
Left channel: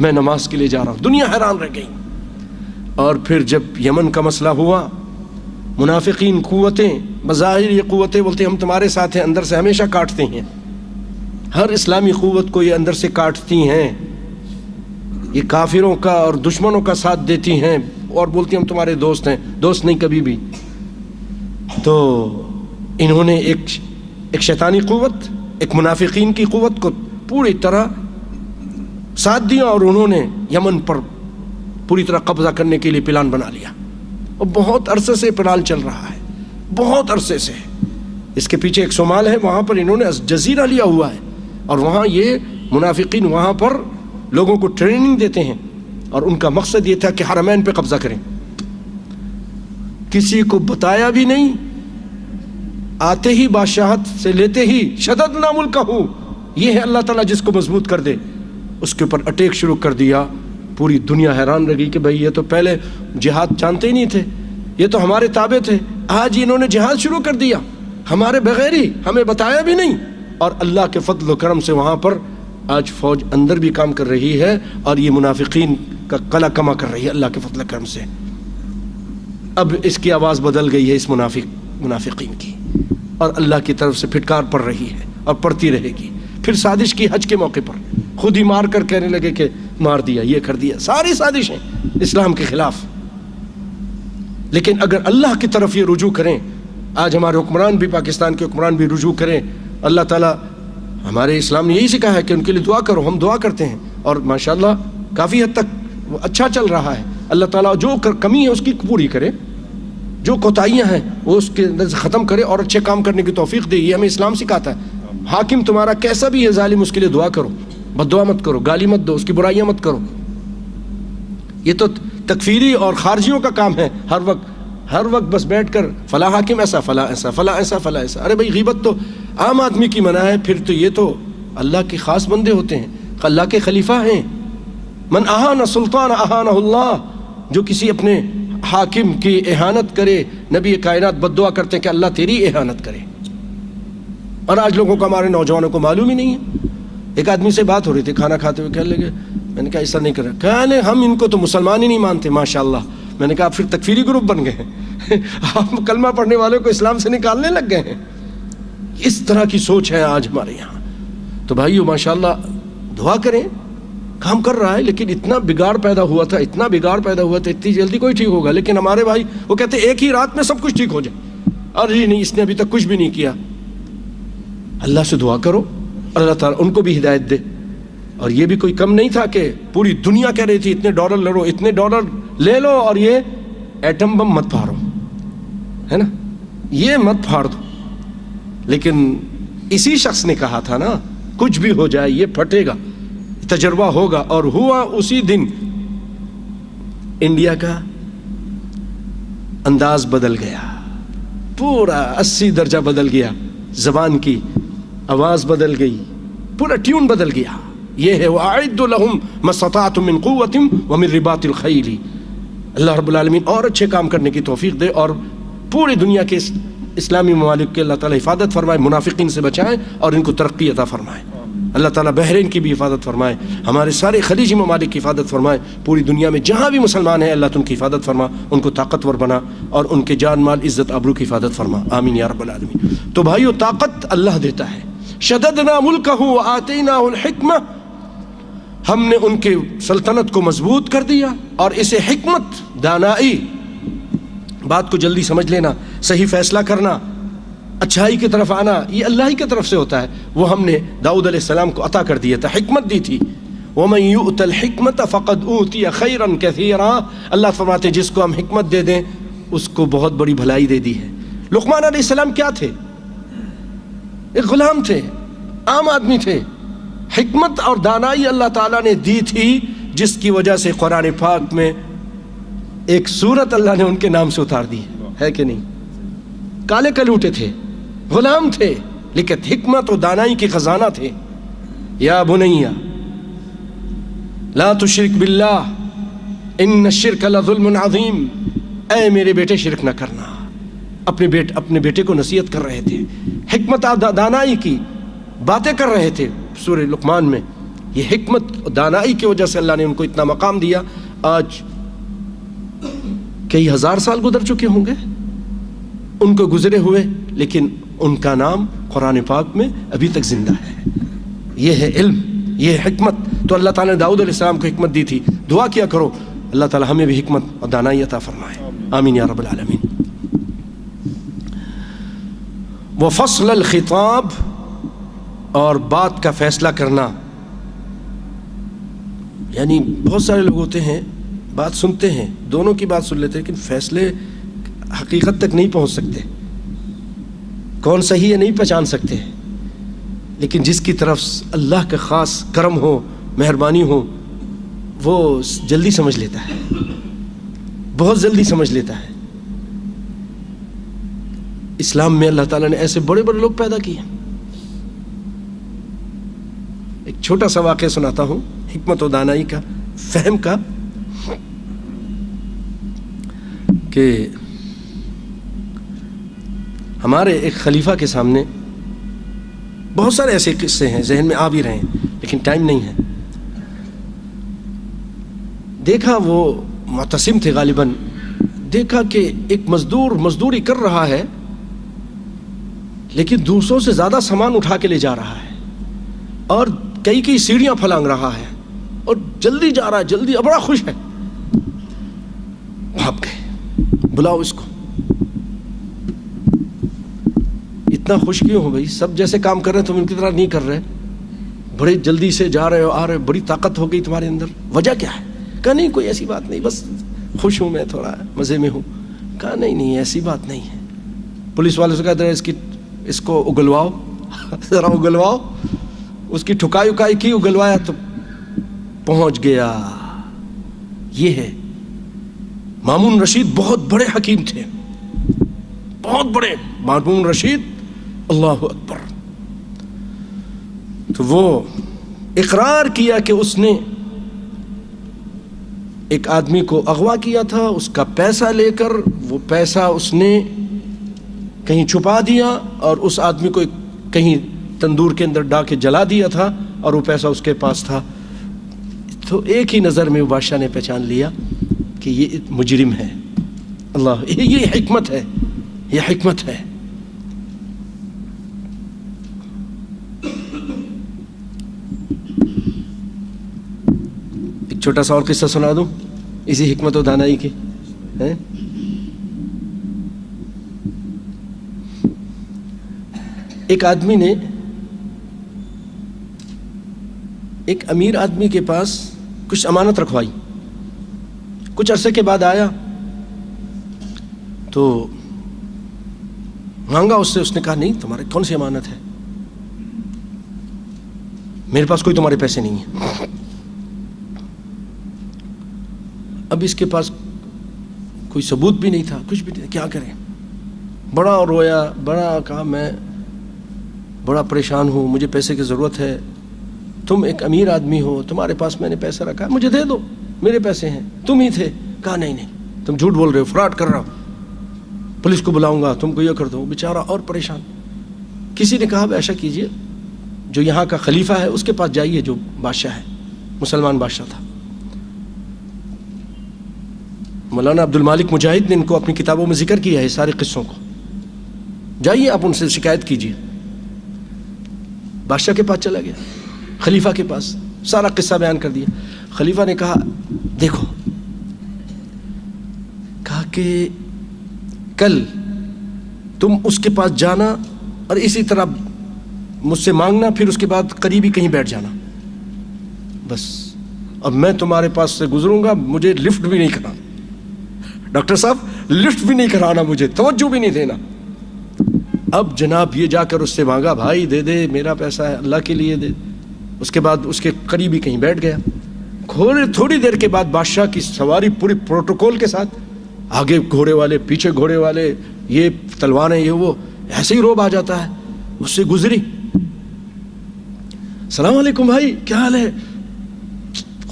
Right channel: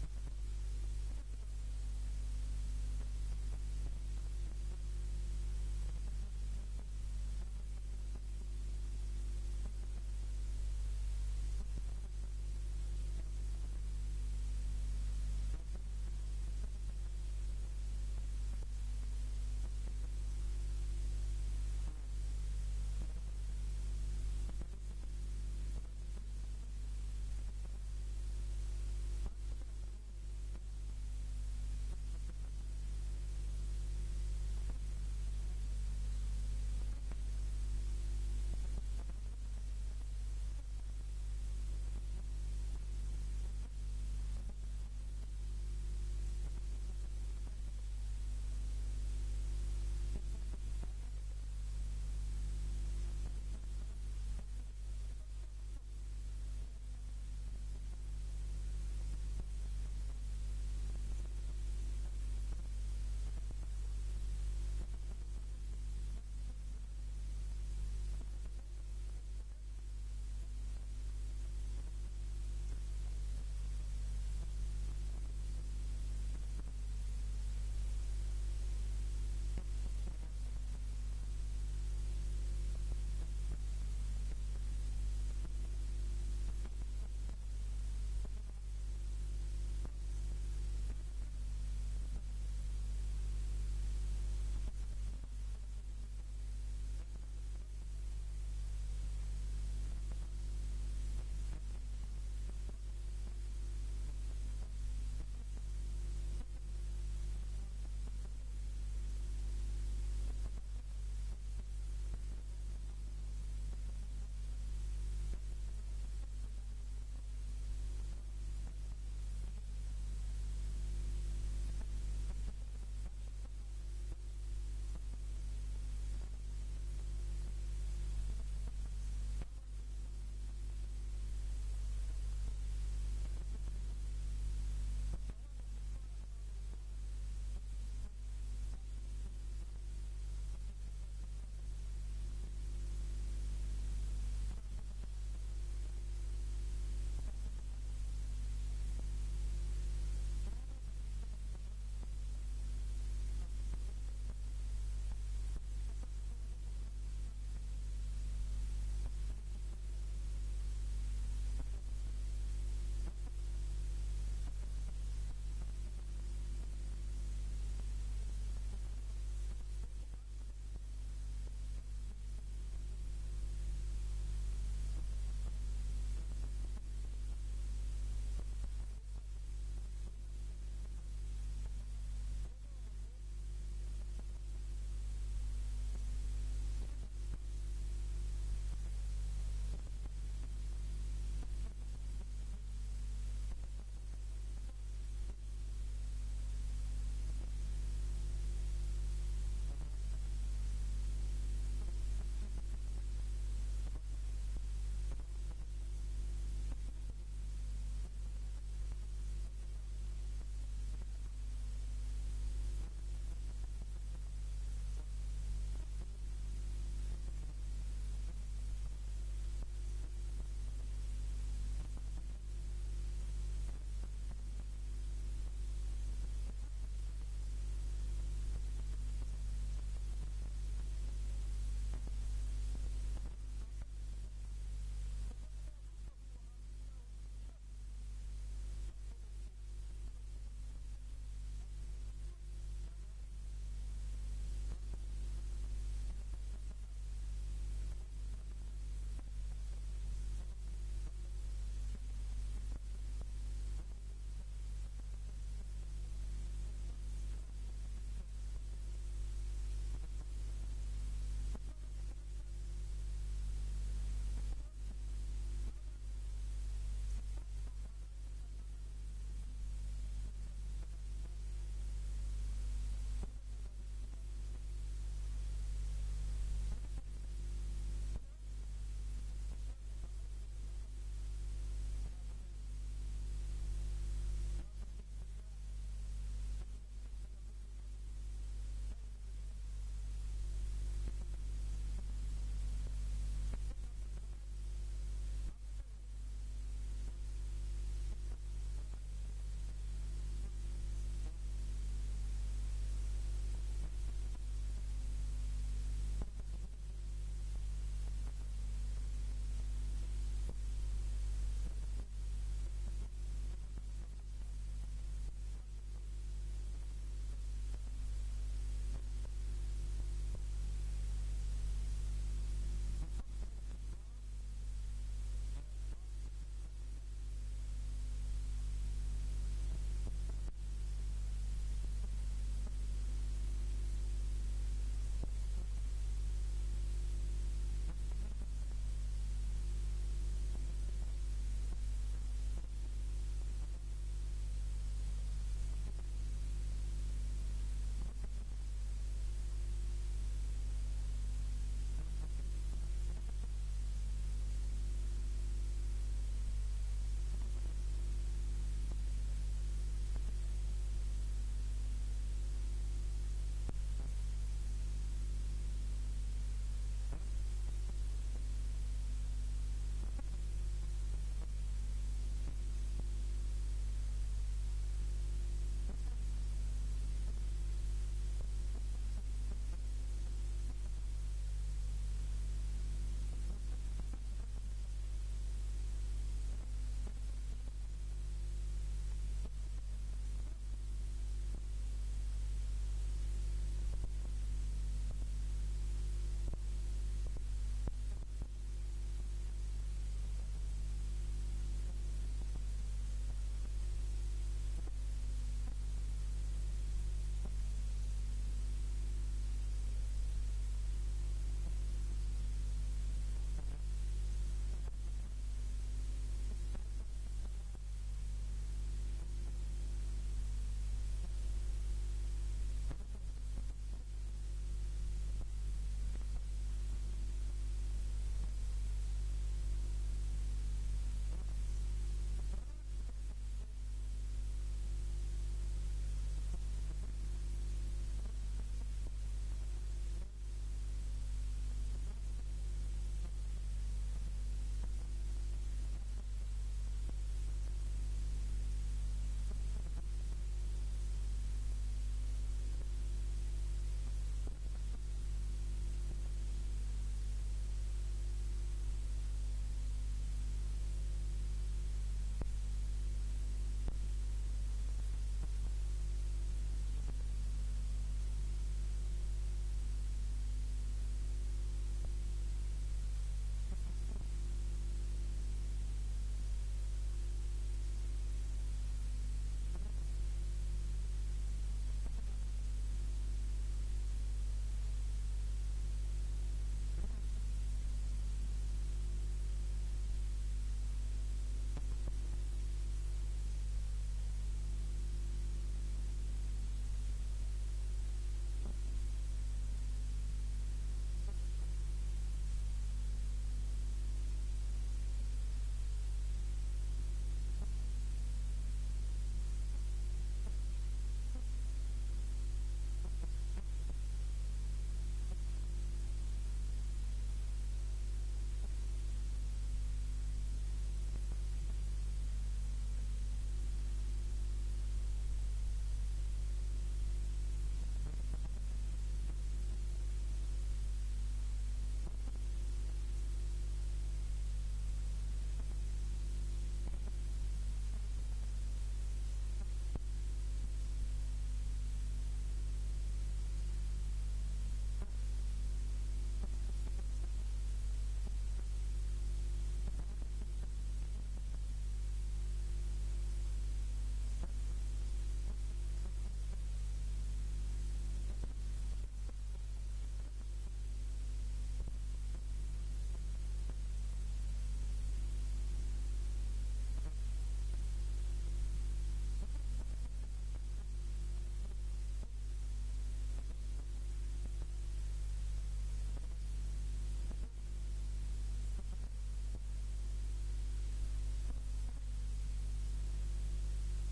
میں نماز کے لیے جا رہا ہوں. دنیا حیران رہ گئی. اور پھر جب یمن کا مسئلہ ہوا، منافقین قوتیں، بظاہر یہ قوتیں بولتے ہم تمہارے ساتھ ہیں، اندر سے ہمیشہ کاٹتے ہیں. ہر اسلامی قوت کو یہ اندر سے کاٹتی ہیں، یہ کافروں کا اور دشمنوں کا ساتھ دیتی ہیں اور بولتی ہم تمہارے دوست ہیں. دوست نہیں کبھی بھی. تو انہوں نے ایک شیطانی قوت، ایک منافقین کی قوت کو پوری طرح ساتھ دیا، اور انہوں نے یمن پر پوری طرح قبضہ کرنے کے لیے پلان بنا لیا. اور بہت عرصے سے پلان چل رہا ہے، بہت عرصے سے. اس کے پیچھے ایک صومال ہے، وہاں پر انہوں نے جزیرہ لیا ہوا ہے، اور وہاں یہ منافقین وہاں پر لوگوں کو ٹریننگ دیتے ہیں، اور ان کا مقصد یہ تھا کہ حرمین پہ قبضہ کریں. کسی کو بتایا بھی نہیں، آتے ہی بادشاہت سے لیتے ہی شددنا ملکہ، یہ ہے اللہ تعالیٰ جس کو مضبوط کر دے، اس کے اوپر اٹیک شروع کر دیا. پوری دنیا حیران رہ گئی کہ بھئی یہ تو پہلے جہاد جانتے ہی نہیں تھے، یہ تو ہمارے تابع تھے، آج انہوں نے جہاد شروع کر دیا ہمارے بغیر ہی، ہمیں بتایا بھی نہیں. اور اللہ کے فضل و کرم سے وہاں پر آج فوج اندر بھی کام کر رہی ہے، اور یہ منافقین کا قلع کما کر رہی ہے اللہ کے فضل و کرم سے. اب اس کی آواز بدل گئی ہے اس منافقین کی، اور اللہ کی طرف سے پھٹکار پڑ رہی ہے اور پڑتی رہے گی۔ پھر سازش کی حج کے موقع پر، خود ہی مار کر کہنے لگے کہ مار دیا، یہ کر دیا، ساری سازشیں اسلام کے خلاف۔ لیکن اگر اللہ کی طرف یہ رجوع کریں، آج ہمارے حکمران بھی، پاکستان کے حکمران بھی رجوع کریں، اللہ تعالیٰ، ہمارے اسلام نے یہی سکھا ہے کہ ان کے لیے دعا کرو، ہم دعا کرتے ہیں، اور ماشاءاللہ کافی حد تک وہ اچھا چل رہا ہے۔ اللہ تعالیٰ جو کمی ہے اس کی پوری کرے، جو کوتاہیاں ہیں وہ اس کے اندر سے ختم کرے اور اچھے کام کرنے کی توفیق دے۔ یہ ہمیں اسلام سکھاتا ہے۔ حاکم تمہارا کیسا بھی ہے ظالم، اس کے لیے دعا کرو، بد دعا مت کرو، گالی مت دو، اس کی برائیاں مت کرو۔ یہ تو تکفیری اور خارجیوں کا کام ہے، ہر وقت بس بیٹھ کر فلاں حاکم ایسا، فلاں ایسا، فلاں ایسا، فلاں ایسا۔ ارے بھائی، غیبت تو عام آدمی کی منع ہے، پھر تو یہ تو اللہ کے خاص بندے ہوتے ہیں، اللہ کے خلیفہ ہیں۔ من اہان سلطان اہانہ اللہ، جو کسی اپنے حاکم کی اہانت کرے، نبی کائنات بد دعا کرتے ہیں کہ اللہ تیری اہانت کرے۔ اور آج لوگوں کو، ہمارے نوجوانوں کو معلوم ہی نہیں ہے۔ ایک آدمی سے بات ہو رہی تھی کھانا کھاتے ہوئے، کہنے لگے، میں نے کہا ایسا نہیں کر رہا، کہنے ہم ان کو تو مسلمان ہی نہیں مانتے ماشاءاللہ۔ میں نے کہا آپ پھر تکفیری گروپ بن گئے ہیں، آپ کلمہ پڑھنے والوں کو اسلام سے نکالنے لگ گئے ہیں۔ اس طرح کی سوچ ہے آج ہمارے یہاں۔ تو بھائیو ماشاءاللہ دعا کریں، کام کر رہا ہے، لیکن اتنا بگاڑ پیدا ہوا تھا، اتنی جلدی کوئی ٹھیک ہوگا۔ لیکن ہمارے بھائی وہ کہتے ہیں ایک ہی رات میں سب کچھ ٹھیک ہو جائے، اور جی نہیں، اس نے ابھی تک کچھ بھی نہیں کیا۔ اللہ سے دعا کرو، اللہ تعالیٰ ان کو بھی ہدایت دے۔ اور یہ بھی کوئی کم نہیں تھا کہ پوری دنیا کہہ رہی تھی اتنے ڈالر لڑو، اتنے ڈالر لے لو، اور یہ ایٹم بم مت پھاڑو، ہے نا، یہ مت پھاڑ دو۔ لیکن اسی شخص نے کہا تھا نا، کچھ بھی ہو جائے یہ پھٹے گا، تجربہ ہوگا، اور ہوا اسی دن۔ انڈیا کا انداز بدل گیا، پورا 80 درجہ بدل گیا، زبان کی آواز بدل گئی، پورا ٹیون بدل گیا۔ یہ ہے وَأَعِدُّ لَهُمْ مَا اسْتَطَعْتُم مِّن قُوَّةٍ وَمِن رِّبَاطِ الْخَيْلِ۔ اللہ رب العالمین اور اچھے کام کرنے کی توفیق دے، اور پوری دنیا کے اسلامی ممالک کے اللہ تعالیٰ حفاظت فرمائے، منافقین سے بچائیں اور ان کو ترقی عطا فرمائے۔ اللہ تعالیٰ بحرین کی بھی حفاظت فرمائے، ہمارے سارے خلیجی ممالک کی حفاظت فرمائے، پوری دنیا میں جہاں بھی مسلمان ہیں اللہ تو ان کی حفاظت فرما، ان کو طاقتور بنا، اور ان کے جان مال عزت آبرو کی حفاظت فرما، آمین یا رب العالمین۔ تو بھائیو، طاقت اللہ دیتا ہے۔ شددنا ملکہ وآتیناہ الحکمہ، ہم نے ان کے سلطنت کو مضبوط کر دیا، اور اسے حکمت، دانائی، بات کو جلدی سمجھ لینا، صحیح فیصلہ کرنا، اچھائی کی طرف آنا، یہ اللہ ہی کی طرف سے ہوتا ہے۔ وہ ہم نے داؤد علیہ السلام کو عطا کر دیا تھا، حکمت دی تھی۔ وَمَن يُؤْتَ الْحِكْمَةَ فَقَدْ أُوتِيَ خَيْرًا كَثِيرًا، اللہ فرماتے ہیں جس کو ہم حکمت دے دیں اس کو بہت بڑی بھلائی دے دی ہے۔ لقمان علیہ السلام کیا تھے؟ ایک غلام تھے، عام آدمی تھے۔ حکمت اور دانائی اللہ تعالیٰ نے دی تھی، جس کی وجہ سے قرآن پاک میں ایک سورت اللہ نے ان کے نام سے اتار دی ہے کہ نہیں؟ کالے کلوٹے تھے، غلام تھے، لیکن حکمت و دانائی کے خزانہ تھے۔ یا بنیا لا تشرک باللہ ان الشرک لظلم عظیم، اے میرے بیٹے شرک نہ کرنا۔ اپنے بیٹے کو نصیحت کر رہے تھے، حکمت دانائی کی باتیں کر رہے تھے سورہ لقمان میں۔ یہ حکمت دانائی کی وجہ سے اللہ نے ان کو اتنا مقام دیا۔ آج کئی ہزار سال گزر چکے ہوں گے ان کو گزرے ہوئے، لیکن ان کا نام قرآن پاک میں ابھی تک زندہ ہے۔ یہ ہے علم، یہ ہے حکمت۔ تو اللہ تعالیٰ نے داؤد علیہ السلام کو حکمت دی تھی۔ دعا کیا کرو اللہ تعالیٰ ہمیں بھی حکمت اور دانائی عطا فرمائے، آمین یا رب العالمین۔ وفصل الخطاب، اور بات کا فیصلہ کرنا، یعنی بہت سارے لوگ ہوتے ہیں بات سنتے ہیں، دونوں کی بات سن لیتے ہیں، لیکن فیصلے حقیقت تک نہیں پہنچ سکتے، کون صحیح ہے نہیں پہچان سکتے۔ لیکن جس کی طرف اللہ کا خاص کرم ہو، مہربانی ہو، وہ جلدی سمجھ لیتا ہے، بہت جلدی سمجھ لیتا ہے۔ اسلام میں اللہ تعالیٰ نے ایسے بڑے بڑے لوگ پیدا کیے۔ ایک چھوٹا سا واقعہ سناتا ہوں حکمت و دانائی کا، فہم کا، کہ ہمارے ایک خلیفہ کے سامنے بہت سارے ایسے قصے ہیں، ذہن میں آ بھی رہے ہیں لیکن ٹائم نہیں ہے۔ دیکھا وہ معتصم تھے غالباً، دیکھا کہ ایک مزدور مزدوری کر رہا ہے لیکن دوسروں سے زیادہ سامان اٹھا کے لے جا رہا ہے اور کئی سیڑھیاں پھلانگ رہا ہے اور جلدی جا رہا ہے، جلدی، بڑا خوش ہے. بھاگ گئے، بلاؤ اس کو. اتنا خوش کیوں ہو بھائی؟ سب جیسے کام کر رہے ہیں تم ان کی طرح نہیں کر رہے، بڑے جلدی سے جا رہے ہو، آ رہے ہو، بڑی طاقت ہو گئی تمہارے اندر، وجہ کیا ہے؟ کہا نہیں کوئی ایسی بات نہیں، بس خوش ہوں، میں تھوڑا مزے میں ہوں. کہا نہیں ایسی بات نہیں ہے. پولیس والے سے کہا اس کو اگلواؤ، ذرا اگلواؤ. اس کی ٹھکائی اکائی کی، اگلوایا تو پہنچ گیا. یہ ہے مامون رشید، بہت بڑے حکیم تھے، بہت بڑے مامون رشید. اللہ اکبر. تو وہ اقرار کیا کہ اس نے ایک آدمی کو اغوا کیا تھا، اس کا پیسہ لے کر وہ پیسہ اس نے کہیں چھپا دیا اور اس آدمی کو کہیں تندور کے اندر ڈال کے جلا دیا تھا اور وہ پیسہ اس کے پاس تھا. تو ایک ہی نظر میں بادشاہ نے پہچان لیا کہ یہ مجرم ہے. اللہ، یہ حکمت ہے، یہ حکمت ہے. ایک چھوٹا سا اور قصہ سنا دوں اسی حکمت و دانائی کے. ایک آدمی نے ایک امیر آدمی کے پاس کچھ امانت رکھوائی. کچھ عرصے کے بعد آیا تو مانگا اس سے. اس نے کہا نہیں، تمہارے کون سی امانت ہے؟ میرے پاس کوئی تمہارے پیسے نہیں ہیں. اب اس کے پاس کوئی ثبوت بھی نہیں تھا، کچھ بھی نہیں. کیا کریں؟ بڑا رویا، بڑا کہا میں بڑا پریشان ہوں، مجھے پیسے کی ضرورت ہے. تم ایک امیر آدمی ہو، تمہارے پاس میں نے پیسہ رکھا، مجھے دے دو، میرے پیسے ہیں، تم ہی تھے. کہا نہیں تم جھوٹ بول رہے ہو، فراڈ کر رہا ہو، پولیس کو بلاؤں گا، تم کو یہ کر دو. بیچارہ اور پریشان. کسی نے کہا ایسا کیجئے، جو یہاں کا خلیفہ ہے اس کے پاس جائیے، جو بادشاہ ہے، مسلمان بادشاہ تھا. مولانا عبد المالک مجاہد نے ان کو اپنی کتابوں میں ذکر کیا ہے سارے قصوں کو. جائیے آپ ان سے شکایت کیجئے. بادشاہ کے پاس چلا گیا، خلیفہ کے پاس، سارا قصہ بیان کر دیا. خلیفہ نے کہا دیکھو، کہا کہ کل تم اس کے پاس جانا اور اسی طرح مجھ سے مانگنا، پھر اس کے بعد قریبی کہیں بیٹھ جانا، بس. اب میں تمہارے پاس سے گزروں گا، مجھے لفٹ بھی نہیں کرانا، ڈاکٹر صاحب لفٹ بھی نہیں کرانا، مجھے توجہ بھی نہیں دینا. اب جناب یہ جا کر اس سے مانگا، بھائی دے دے، میرا پیسہ ہے، اللہ کے لیے دے. اس کے بعد اس کے قریبی کہیں بیٹھ گیا. تھوڑی دیر کے بعد بادشاہ کی سواری پوری پروٹوکول کے ساتھ، آگے گھوڑے والے، پیچھے گھوڑے والے، یہ تلواریں، یہ وہ، ایسے ہی روب آ جاتا ہے. اس سے گزری، السلام علیکم بھائی، کیا حال ہے؟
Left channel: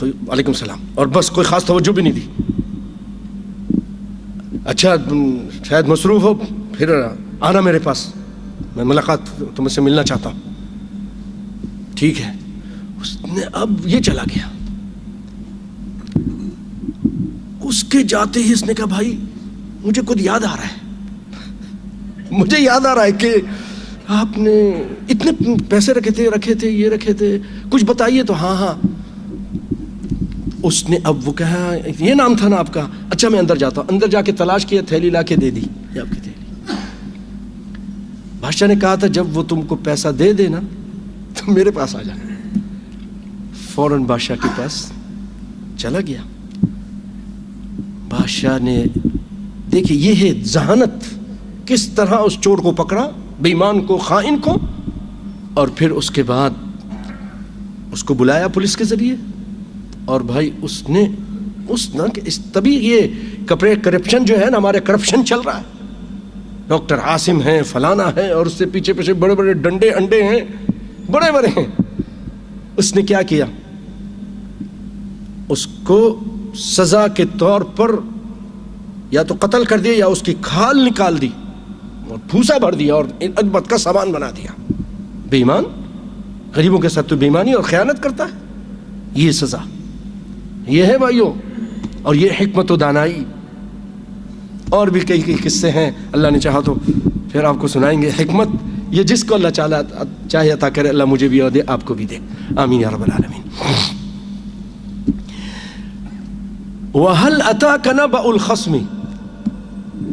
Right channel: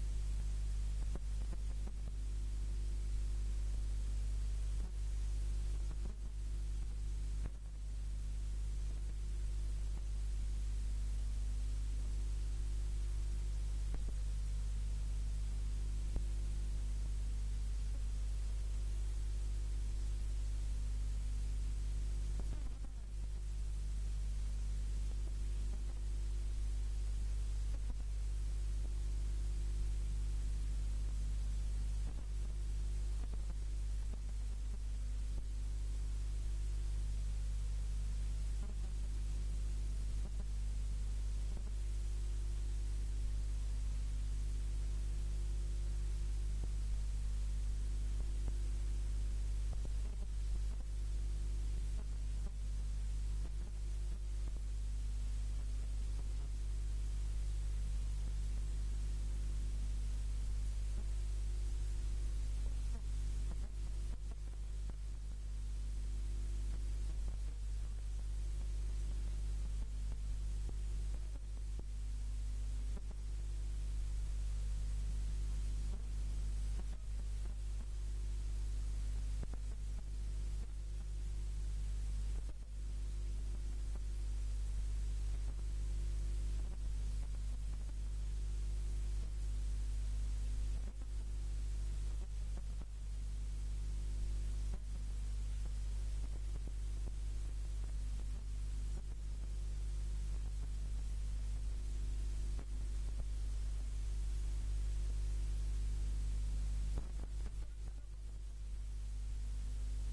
وعلیکم السلام، اور بس کوئی خاص توجہ بھی نہیں دی. اچھا شاید مصروف ہو، پھر آنا میرے پاس، میں ملاقات تم سے ملنا چاہتا ہوں. ٹھیک ہے. اس نے اب یہ چلا گیا. اس کے جاتے ہی اس نے کہا بھائی مجھے خود یاد آ رہا ہے، مجھے یاد آ رہا ہے کہ آپ نے اتنے پیسے رکھے تھے، یہ رکھے تھے، کچھ بتائیے تو. ہاں. اس نے اب وہ کہا یہ نام تھا نا آپ کا، اچھا میں اندر جاتا ہوں. اندر جا کے تلاش کیا، تھیلی لا کے دے دی، یہ آپ کی تھیلی. بادشاہ نے کہا تھا جب وہ تم کو پیسہ دے دے نا تو میرے پاس آ جانا. فوراً بادشاہ کے پاس چلا گیا. بادشاہ نے دیکھیں یہ ہے ذہانت، کس طرح اس چور کو پکڑا، بے ایمان کو، خائن کو، اور پھر اس کے بعد اس کو بلایا پولیس کے ذریعے. اور بھائی تبھی یہ کرپشن جو ہے نا، ہمارے کرپشن چل رہا ہے. ڈاکٹر عاصم ہیں، فلانا ہے، اور اس سے پیچھے بڑے بڑے ڈنڈے انڈے ہیں، بڑے بڑے ہیں. اس نے کیا کیا؟ اس کو سزا کے طور پر یا تو قتل کر دیا یا اس کی کھال نکال دی اور پھوسا بھر دیا اور اجبت کا سامان بنا دیا. بے ایمان، غریبوں کے ساتھ تو بے ایمانی اور خیانت کرتا ہے. یہ سزا، یہ ہے بھائیوں، اور یہ حکمت و دانائی. اور بھی کئی قصے ہیں، اللہ نے چاہا تو پھر آپ کو سنائیں گے. حکمت یہ جس کو اللہ چاہے عطا کرے، اللہ مجھے بھی دے، آپ کو بھی دے، آمین یا رب العالمین. وَهَلْ أَتَاكَ نَبَأُ الْخَصْمِ.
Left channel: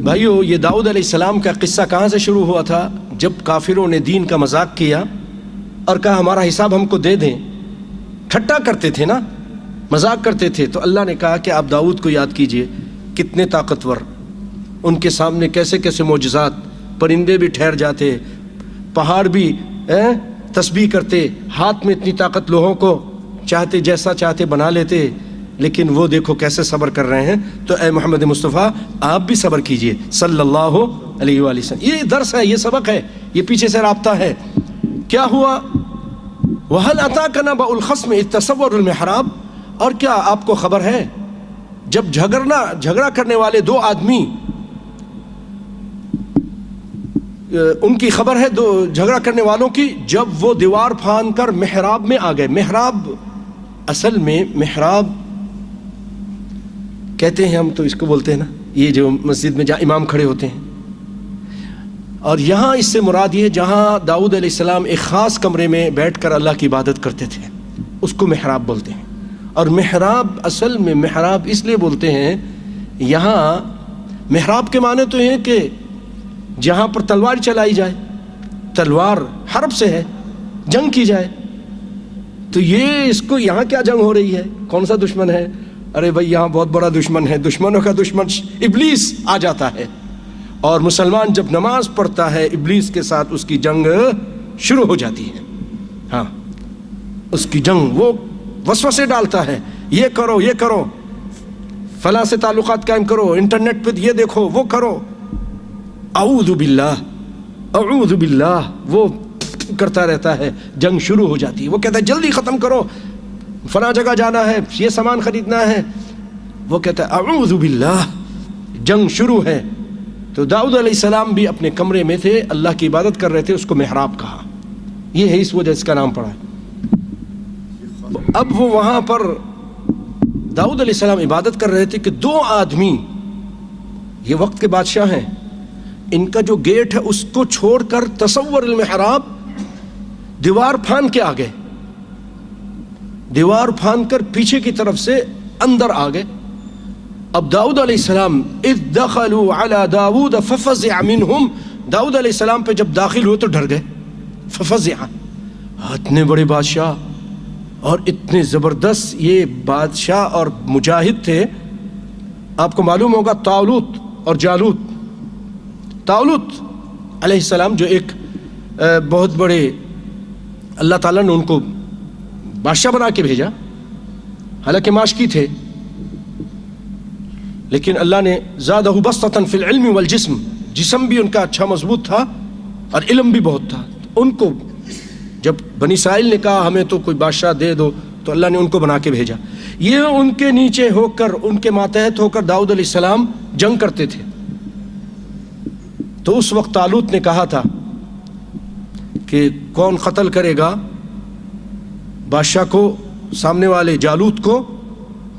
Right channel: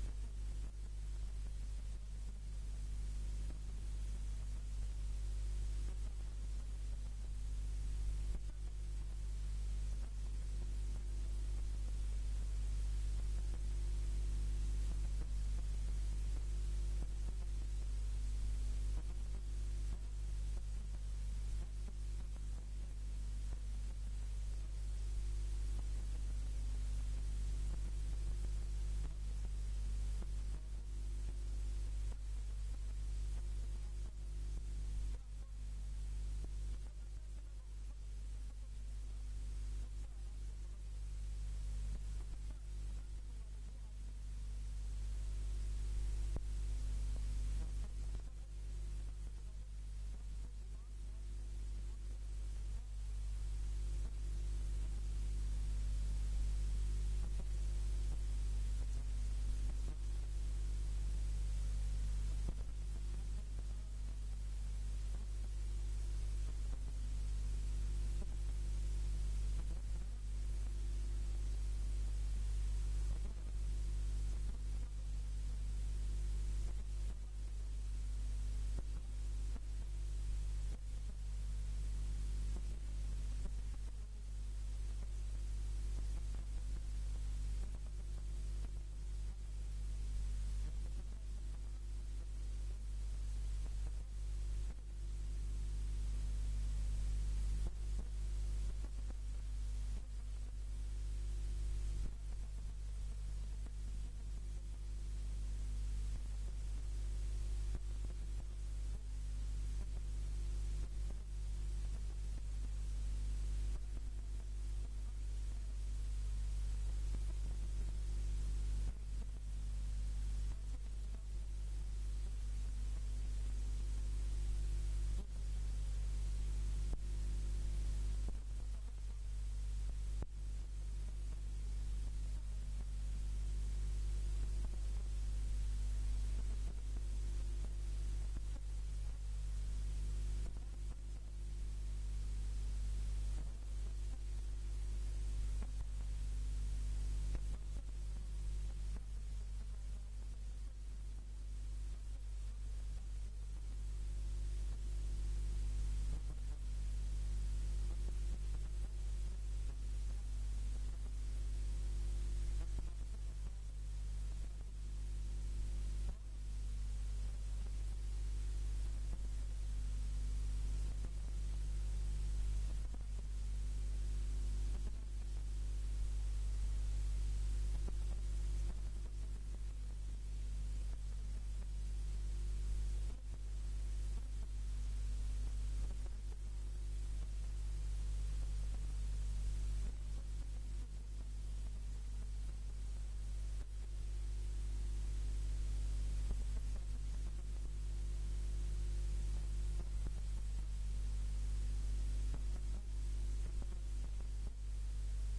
بھائیو، یہ داؤد علیہ السلام کا قصہ کہاں سے شروع ہوا تھا؟ جب کافروں نے دین کا مذاق کیا اور کہا ہمارا حساب ہم کو دے دیں. ٹھٹا کرتے تھے نا، مذاق کرتے تھے. تو اللہ نے کہا کہ آپ داؤد کو یاد کیجئے، کتنے طاقتور، ان کے سامنے کیسے کیسے معجزات، پرندے بھی ٹھہر جاتے، پہاڑ بھی تسبیح کرتے، ہاتھ میں اتنی طاقت، لوہوں کو چاہتے جیسا چاہتے بنا لیتے. لیکن وہ دیکھو کیسے صبر کر رہے ہیں. تو اے محمد مصطفیٰ، آپ بھی صبر کیجئے صلی اللہ علیہ وآلہ وسلم. یہ درس ہے، یہ سبق ہے، یہ پیچھے سے رابطہ ہے. کیا ہوا؟ وَهَلْ أَتَاكَ نَبَأُ الْخَصْمِ إِذْ تَسَوَّرُوا الْمِحْرَابَ. اور کیا آپ کو خبر ہے جب جھگڑا کرنے والے دو آدمی، ان کی خبر ہے دو جھگڑا کرنے والوں کی، جب وہ دیوار پھاند کر محراب میں آ گئے. محراب اصل میں محراب کہتے ہیں، ہم تو اس کو بولتے ہیں نا، یہ جو مسجد میں جہاں امام کھڑے ہوتے ہیں. اور یہاں اس سے مراد یہ جہاں داؤد علیہ السلام ایک خاص کمرے میں بیٹھ کر اللہ کی عبادت کرتے تھے، اس کو محراب بولتے ہیں. اور محراب اصل میں محراب اس لیے بولتے ہیں، یہاں محراب کے معنی تو ہیں کہ جہاں پر تلوار چلائی جائے، تلوار حرب سے ہے، جنگ کی جائے. تو یہ اس کو یہاں کیا جنگ ہو رہی ہے، کون سا دشمن ہے؟ ارے بھائی یہاں بہت بڑا دشمن ہے، دشمنوں کا دشمن ابلیس آ جاتا ہے. اور مسلمان جب نماز پڑھتا ہے، ابلیس کے ساتھ اس کی جنگ شروع ہو جاتی ہے. ہاں، اس کی جنگ، وہ وسوسے ڈالتا ہے، یہ کرو، یہ کرو، فلاں سے تعلقات قائم کرو، انٹرنیٹ پہ یہ دیکھو، وہ کرو، اعوذ باللہ اعوذ باللہ، وہ کرتا رہتا ہے. جنگ شروع ہو جاتی ہے، وہ کہتا ہے جلدی ختم کرو، فلاں جگہ جانا ہے، یہ سامان خریدنا ہے. وہ کہتا ہے اعوذ باللہ، جنگ شروع ہے. تو داؤد علیہ السلام بھی اپنے کمرے میں تھے، اللہ کی عبادت کر رہے تھے، اس کو محراب کہا. یہ ہے اس وجہ اس کا نام پڑا ہے. اب وہ وہاں پر داؤد علیہ السلام عبادت کر رہے تھے کہ دو آدمی، یہ وقت کے بادشاہ ہیں، ان کا جو گیٹ ہے اس کو چھوڑ کر تصور المحراب، دیوار پھاند کے آگے، دیوار پھاند کر پیچھے کی طرف سے اندر آ گئے. اب داؤد علیہ السلام اذ دخلوا علی داؤد ففزع منہم، داؤد علیہ السلام پہ جب داخل ہوئے تو ڈر گئے. ففزع، اتنے بڑے بادشاہ اور اتنے زبردست یہ بادشاہ اور مجاہد تھے. آپ کو معلوم ہوگا طالوت اور جالوت. طالوت علیہ السلام جو ایک بہت بڑے، اللہ تعالیٰ نے ان کو بادشاہ بنا کے بھیجا، حالانکہ ماشکی تھے، لیکن اللہ نے زادہ بسطۃ فی العلم والجسم، جسم بھی ان کا اچھا مضبوط تھا اور علم بھی بہت تھا. ان کو جب بنی اسرائیل نے کہا ہمیں تو کوئی بادشاہ دے دو، تو اللہ نے ان کو بنا کے بھیجا. یہ ان کے نیچے ہو کر، ان کے ماتحت ہو کر داؤد علیہ السلام جنگ کرتے تھے. تو اس وقت طالوت نے کہا تھا کہ کون قتل کرے گا بادشاہ کو، سامنے والے جالوت کو،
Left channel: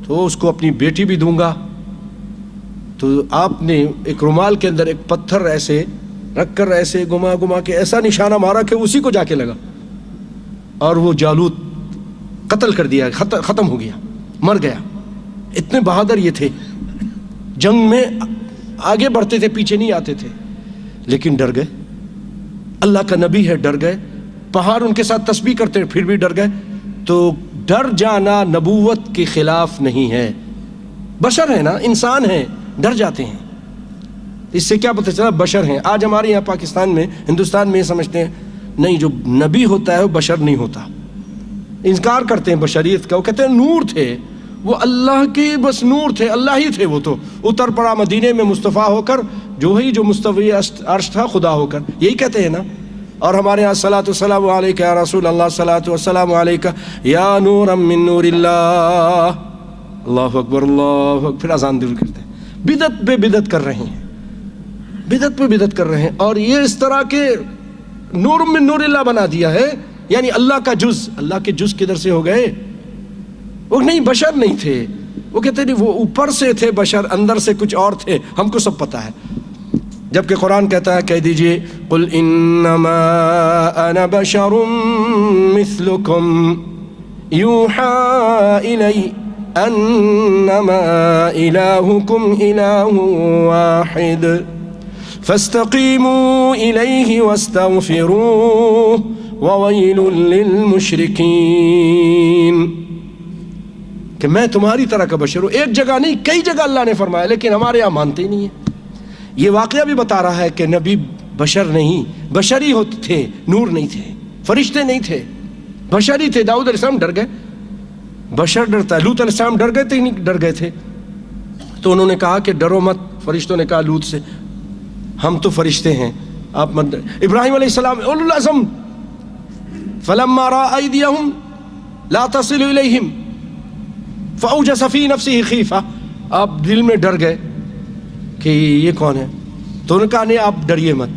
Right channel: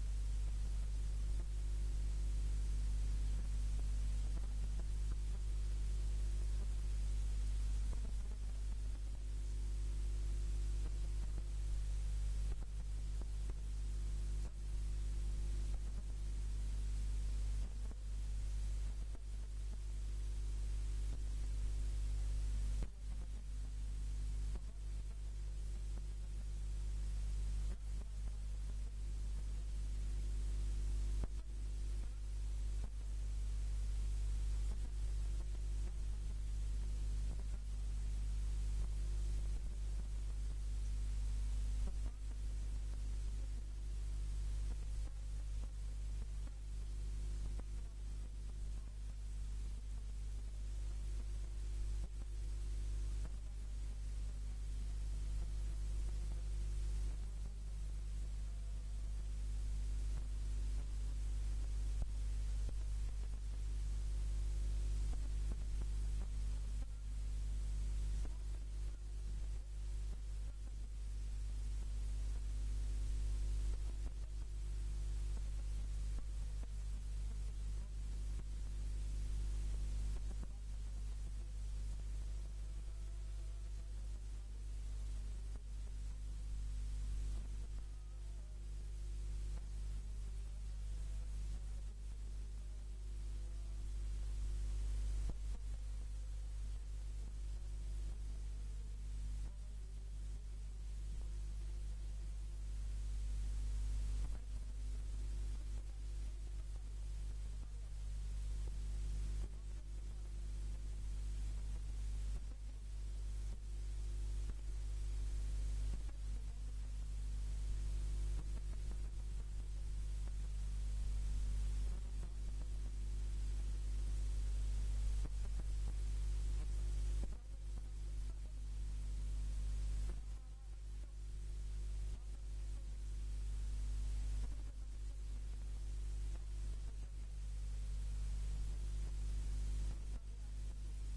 تو اس کو اپنی بیٹی بھی دوں گا. تو آپ نے ایک رومال کے اندر ایک پتھر ایسے رکھ کر ایسے گما گما کے ایسا نشانہ مارا کہ اسی کو جا کے لگا، اور وہ جالوت قتل کر دیا، ختم ہو گیا، مر گیا. اتنے بہادر یہ تھے، جنگ میں آگے بڑھتے تھے، پیچھے نہیں آتے تھے، لیکن ڈر گئے. اللہ کا نبی ہے، ڈر گئے. پہاڑ ان کے ساتھ تسبیح کرتے پھر بھی ڈر گئے. تو ڈر جانا نبوت کے خلاف نہیں ہے. بشر ہے نا، انسان ہیں، ڈر جاتے ہیں. اس سے کیا پتہ چلا بشر ہیں. آج ہمارے یہاں پاکستان میں، ہندوستان میں یہ سمجھتے ہیں نہیں، جو نبی ہوتا ہے وہ بشر نہیں ہوتا، انکار کرتے ہیں بشریت کا. وہ کہتے ہیں نور تھے، وہ اللہ کے بس نور تھے، اللہ ہی تھے. وہ تو اتر پڑا مدینے میں مصطفیٰ ہو کر، جو مستوی عرش تھا خدا ہو کر، یہی کہتے ہیں نا. اور ہمارے یہاں صلاۃ والسلام علیکہ یا رسول اللہ، صلاۃ والسلام علیکہ یا نورا من نور اللہ. اللہ اکبر، اللہ اکبر. پھر اذان دل کرتے ہیں. بدعت پہ بدعت کر رہے ہیں، بدعت پہ بدعت کر رہے ہیں. اور یہ اس طرح کے نور من نور اللہ بنا دیا ہے، یعنی اللہ کا جز. اللہ کے جز کدھر سے ہو گئے؟ وہ نہیں، بشر نہیں تھے. وہ کہتے نہیں وہ اوپر سے تھے بشر، اندر سے کچھ اور تھے، ہم کو سب پتہ ہے. جبکہ قرآن کہتا ہے کہہ دیجئے قل انما انا بشر مثلکم یوحى الی انما الہکم الہ واحد فاستقیموا الیہ واستغفروہ وویل للمشرکین. کہ میں تمہاری طرح کا بشر ہوں. ایک جگہ نہیں کئی جگہ اللہ نے فرمایا، لیکن ہمارے یہاں مانتے ہی نہیں ہیں. یہ واقعہ بھی بتا رہا ہے کہ نبی بشر نہیں، بشری ہوتے تھے، نور نہیں تھے، فرشتے نہیں تھے، بشری تھے. داؤد علیہ السلام ڈر گئے، بشر ڈرتا ہے. لوط علیہ السلام ڈر گئے تھے نہیں ڈر گئے تھے. تو انہوں نے کہا کہ ڈرو مت. فرشتوں نے کہا لوط سے ہم تو فرشتے ہیں، آپ مت. ابراہیم علیہ السلام اولو العزم فلما رأى أيديهم لا تصل إليهم فأوجس في نفسه خيفة. آپ دل میں ڈر گئے کہ یہ کون ہے، تو انہوں نے کہا نہیں آپ ڈریے مت.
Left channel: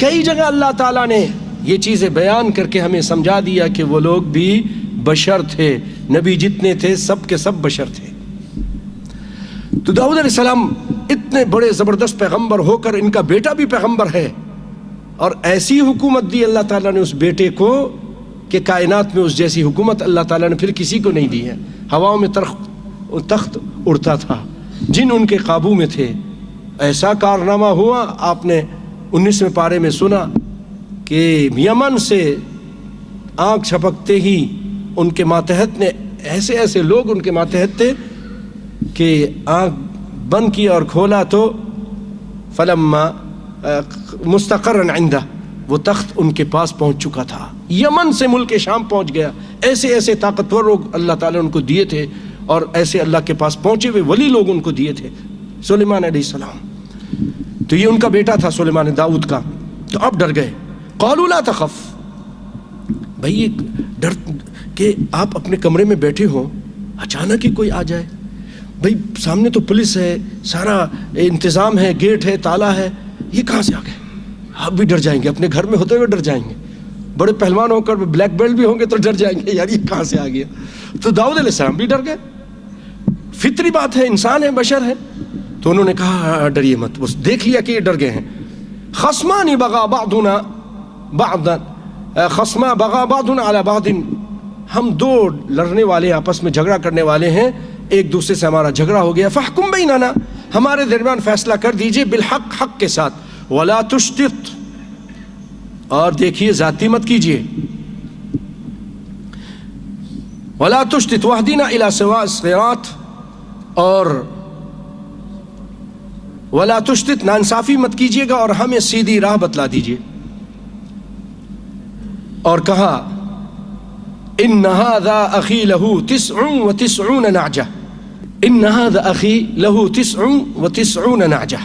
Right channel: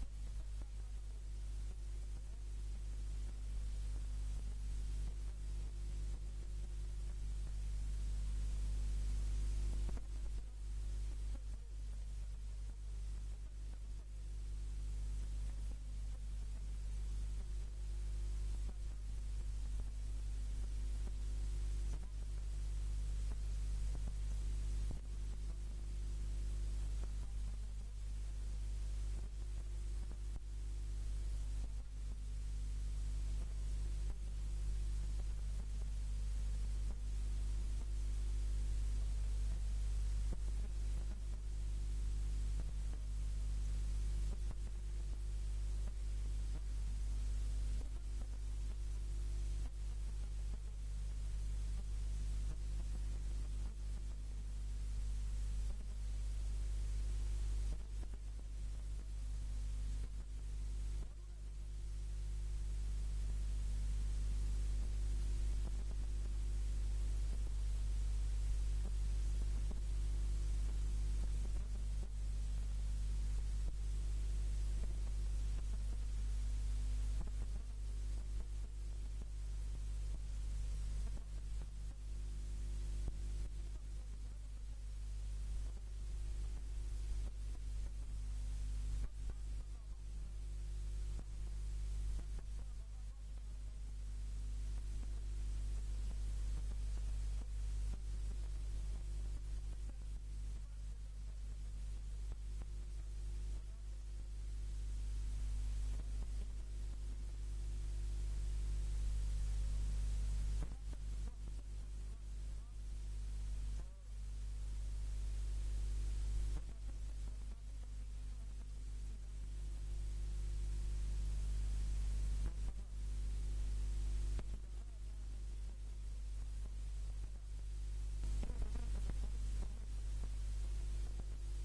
کئی جگہ اللہ تعالیٰ نے یہ چیزیں بیان کر کے ہمیں سمجھا دیا کہ وہ لوگ بھی بشر تھے. نبی جتنے تھے سب کے سب بشر تھے. تو داؤد علیہ السلام اتنے بڑے زبردست پیغمبر ہو کر ان کا بیٹا بھی پیغمبر ہے، اور ایسی حکومت دی اللہ تعالیٰ نے اس بیٹے کو کہ کائنات میں اس جیسی حکومت اللہ تعالیٰ نے پھر کسی کو نہیں دی ہے. ہواؤں میں تخت اڑتا تھا، جن ان کے قابو میں تھے. ایسا کارنامہ ہوا، آپ نے 19ویں پارے میں سنا کہ یمن سے آنکھ چھپکتے ہی ان کے ماتحت نے ایسے ایسے لوگ ان کے ماتحت تھے کہ آنکھ بند کی اور کھولا تو فلما مستقرن عندہ، وہ تخت ان کے پاس پہنچ چکا تھا. یمن سے ملک شام پہنچ گیا. ایسے ایسے طاقتور لوگ اللہ تعالیٰ نے ان کو دیے تھے، اور ایسے اللہ کے پاس پہنچے ہوئے ولی لوگ ان کو دیے تھے. سلیمان علیہ السلام، تو یہ ان کا بیٹا تھا سلیمان داؤد کا. تو اب ڈر گئے. قالوا لا تخف، بھائی یہ ڈر کہ آپ اپنے کمرے میں بیٹھے ہو، اچانک ہی کوئی آ جائے. بھائی سامنے تو پولیس ہے، سارا انتظام ہے، گیٹ ہے، تالا ہے، یہ کہاں سے آ گئے؟ آپ بھی ڈر جائیں گے، اپنے گھر میں ہوتے ہوئے ڈر جائیں گے. بڑے پہلوان ہو کر بلیک بیلٹ بھی ہوں گے تو ڈر جائیں گے، یار یہ کہاں سے آ گیا. تو داؤد علیہ السلام بھی ڈر گئے. فطری بات ہے، انسان ہے، بشر ہے. تو انہوں نے کہا ڈریے مت. بس دیکھ لیا کہ یہ ڈر گئے ہیں. خصمان بغى بعضنا بعضا خصما بغى بعضنا على بعض، ہم دو لڑنے والے آپس میں جھگڑا کرنے والے ہیں، ایک دوسرے سے ہمارا جھگڑا ہو گیا. فاحکم بیننا، ہمارے درمیان فیصلہ کر دیجئے، بالحق، حق کے ساتھ. ولا تشتت، اور دیکھیے ذاتی مت کیجئے. ولا تشتت واهدنا الى سواء الصراط، اور ولا تشتت، ناانصافی مت کیجیے گا اور ہمیں سیدھی راہ بتلا دیجیے. اور کہا ان هذا اخی له 99 نعجہ، ان هذا اخی له 99 نعجہ،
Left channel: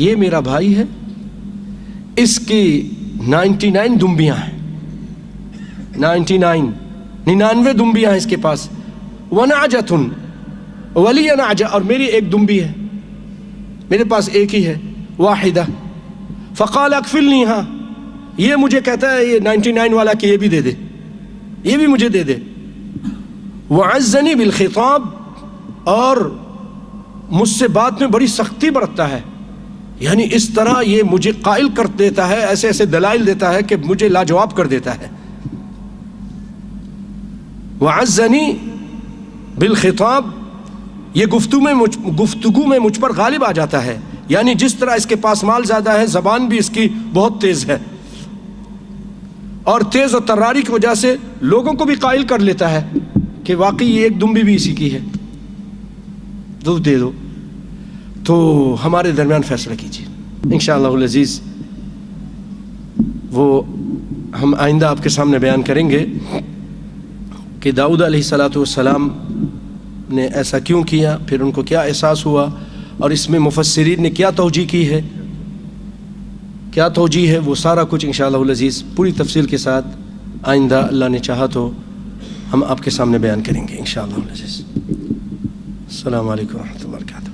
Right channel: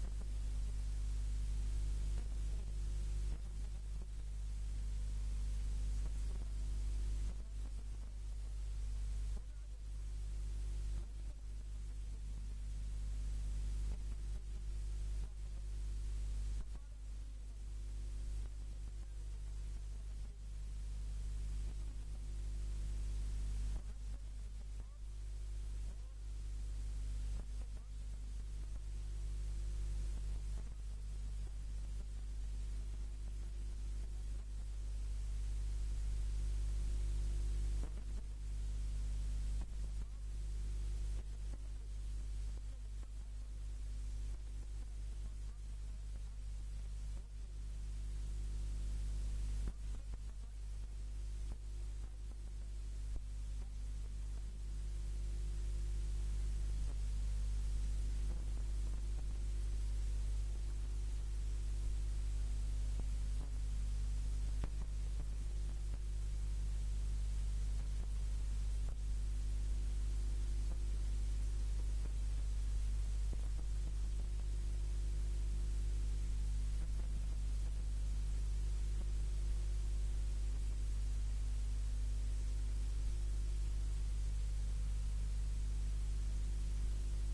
یہ میرا بھائی ہے، اس کی 99 دمبیاں ہیں. 99 دمبیاں ہیں اس کے پاس. ونعجۃ ولی نعجہ، اور میری ایک دمبی ہے، میرے پاس ایک ہی ہے، واحدہ. فقال اکفلنیہا، یہ مجھے کہتا ہے یہ 99 والا کہ یہ بھی دے دے، یہ بھی مجھے دے دے. وعزنی بالخطاب، اور مجھ سے بات میں بڑی سختی برتتا ہے، یعنی اس طرح یہ مجھے قائل کر دیتا ہے، ایسے ایسے دلائل دیتا ہے کہ مجھے لاجواب کر دیتا ہے. وعزنی بالخطاب، یہ گفتگو میں مجھ پر غالب آ جاتا ہے، یعنی جس طرح اس کے پاس مال زیادہ ہے، زبان بھی اس کی بہت تیز ہے، اور تیز اور تراری کی وجہ سے لوگوں کو بھی قائل کر لیتا ہے کہ واقعی یہ ایک دمبی بھی اسی کی ہے، دو دے دو. تو ہمارے درمیان فیصلہ کیجیے انشاءاللہ العزیز. وہ ہم آئندہ آپ کے سامنے بیان کریں گے کہ داؤد علیہ السلام نے ایسا کیوں کیا، پھر ان کو کیا احساس ہوا، اور اس میں مفسرین نے کیا توجیہ کی ہے، کیا توجیہ ہے، وہ سارا کچھ انشاءاللہ العزیز پوری تفصیل کے ساتھ آئندہ اللہ نے چاہا تو ہم آپ کے سامنے بیان کریں گے انشاءاللہ العزیز. السلام علیکم ورحمۃ اللہ وبرکاتہ.